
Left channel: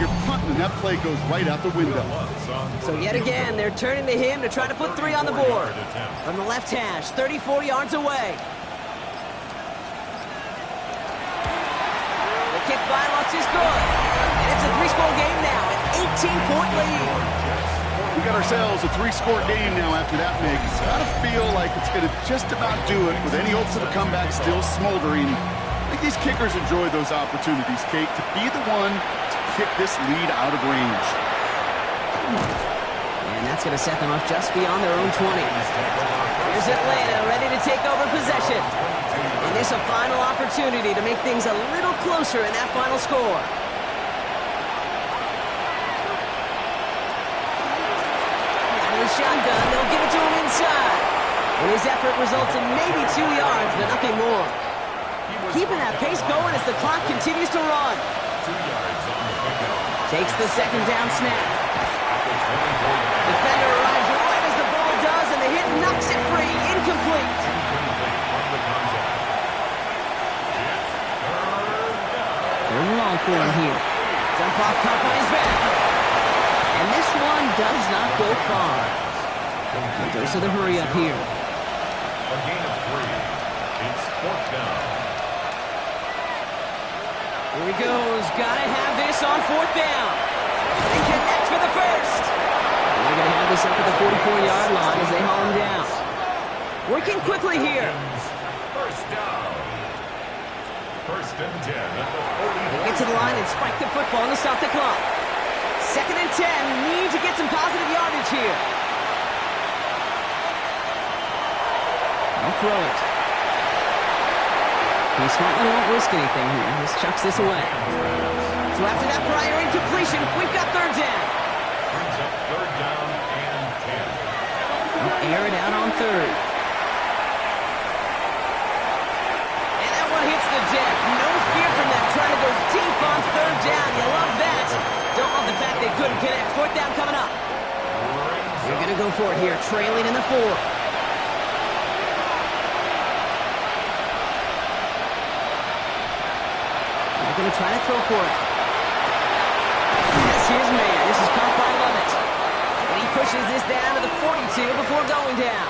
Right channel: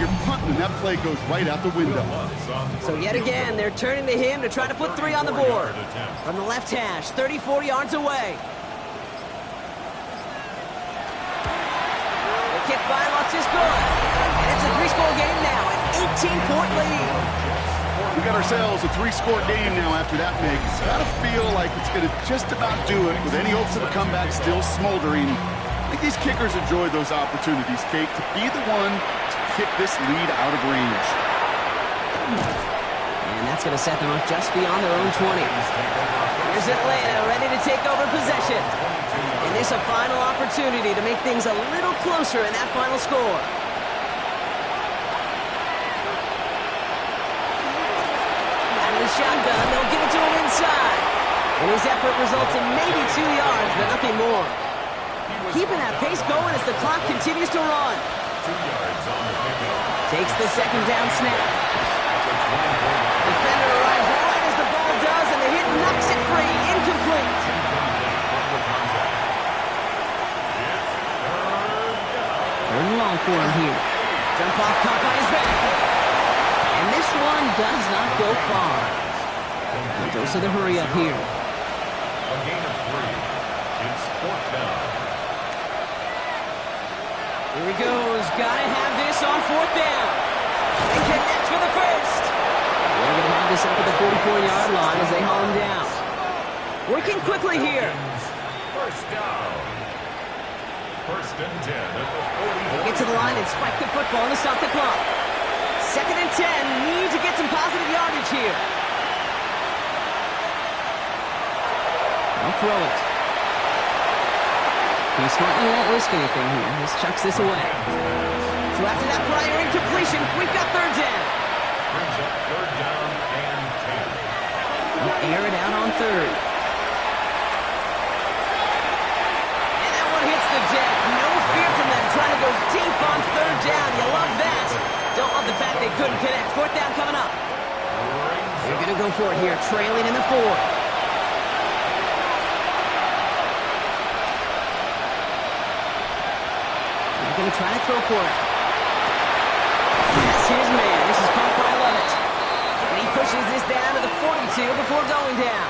you're punting, and that play goes right out the window. So yet again, they're turning to him to try to put 3 on the board. From the left hash, 34 yards away. The kick by Lutz is good. And it's a 3-score game now, an 18-point lead. We got ourselves a 3-score game now after that, Mig. It's got to feel like it's going to just about do it with any hopes of a comeback still smoldering. I think these kickers enjoy those opportunities, Kate, to be the one to kick this lead out of range. And that's going to set them up just beyond their own 20. Here's Atlanta ready to take over possession. And this a final opportunity to make things a little closer in that final score. Out of the shotgun, they'll give it to him inside. And his effort results in maybe 2 yards, but nothing more. Keeping that pace going as the clock continues to run. 2 yards on the pickup. Takes the 2nd down snap. Defender arrives right as the ball does, and the hit knocks it free. Incomplete. Incomplete from the contact. It's 3rd down. 3rd and long for him here. Jump off caught by his back. And this one does not go far. A dose of the hurry up here. A gain of 3. It's 4th down. Here he goes. Gotta have this on 4th down. And connect for the first. And they're going to have this up at the 44-yard line as they haul him down. Working quickly here. 1st down. 1st and 10 at the 44. They get to the line and spike the football to stop the clock. 2nd and 10. Need to get some positive yardage here. They'll throw it. He smartly won't risk anything here. Just chucks this away. So after that prior incompletion, we've got 3rd down. Brings up 3rd down and 10. They'll air it out on 3rd. And that one hits the deck. No fear from them trying to go deep on 3rd down. You love that. Don't love the fact they couldn't connect. 4th down coming up. They're going to go for it here, trailing in the 4th. Going to try to throw for it. That's his man. This is caught by Lovett. And he pushes this down to the 42 before going down.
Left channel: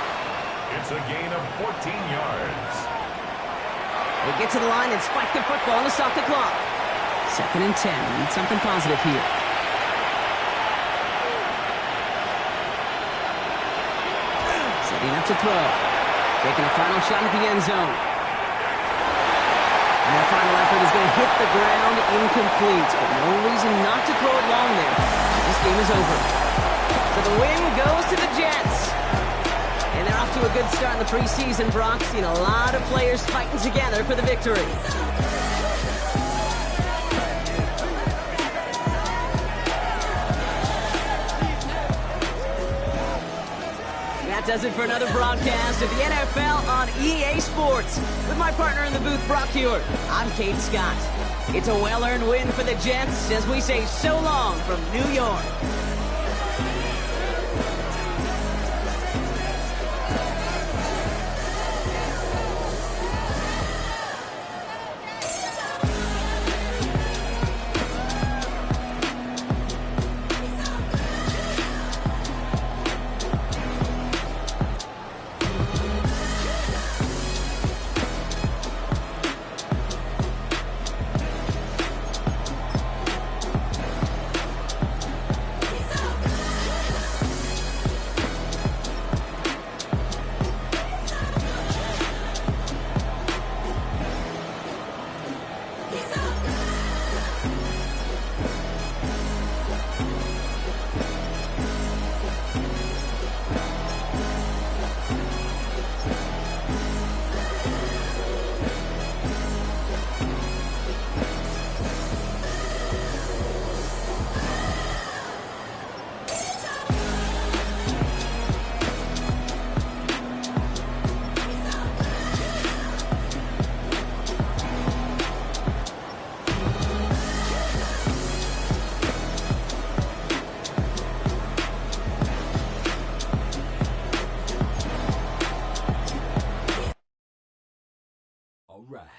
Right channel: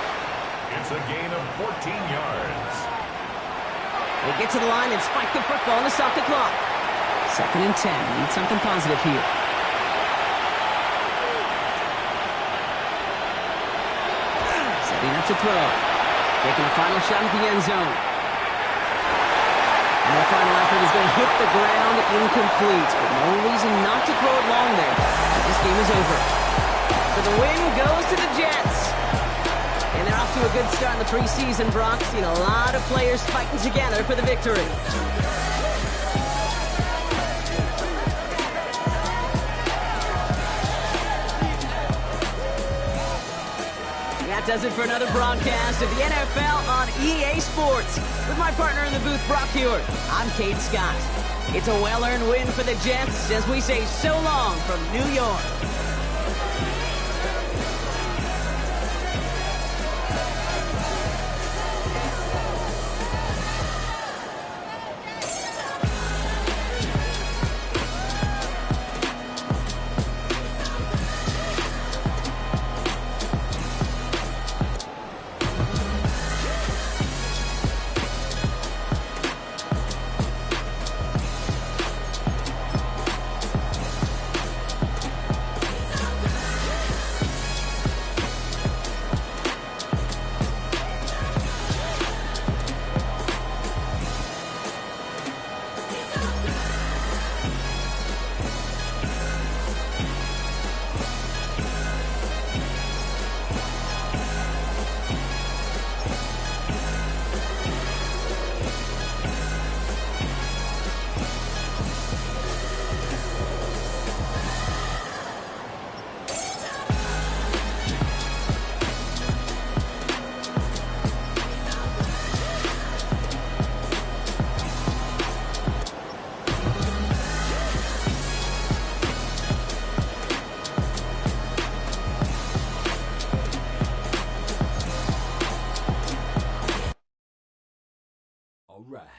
It's a gain of 14 yards. They get to the line and spike the football to stop the clock. 2nd and 10. Need something positive here. Setting up to throw. Taking a final shot at the end zone. And their final effort is going to hit the ground incomplete, but no reason not to throw it long there. This game is over. So the win goes to the Jets. And they're off to a good start in the preseason, Brock. Seen a lot of players fighting together for the victory. That does it for another broadcast of the NFL on EA Sports. With my partner in the booth, Brock Hewitt, I'm Kate Scott. It's a well-earned win for the Jets as we say so long from New York. right.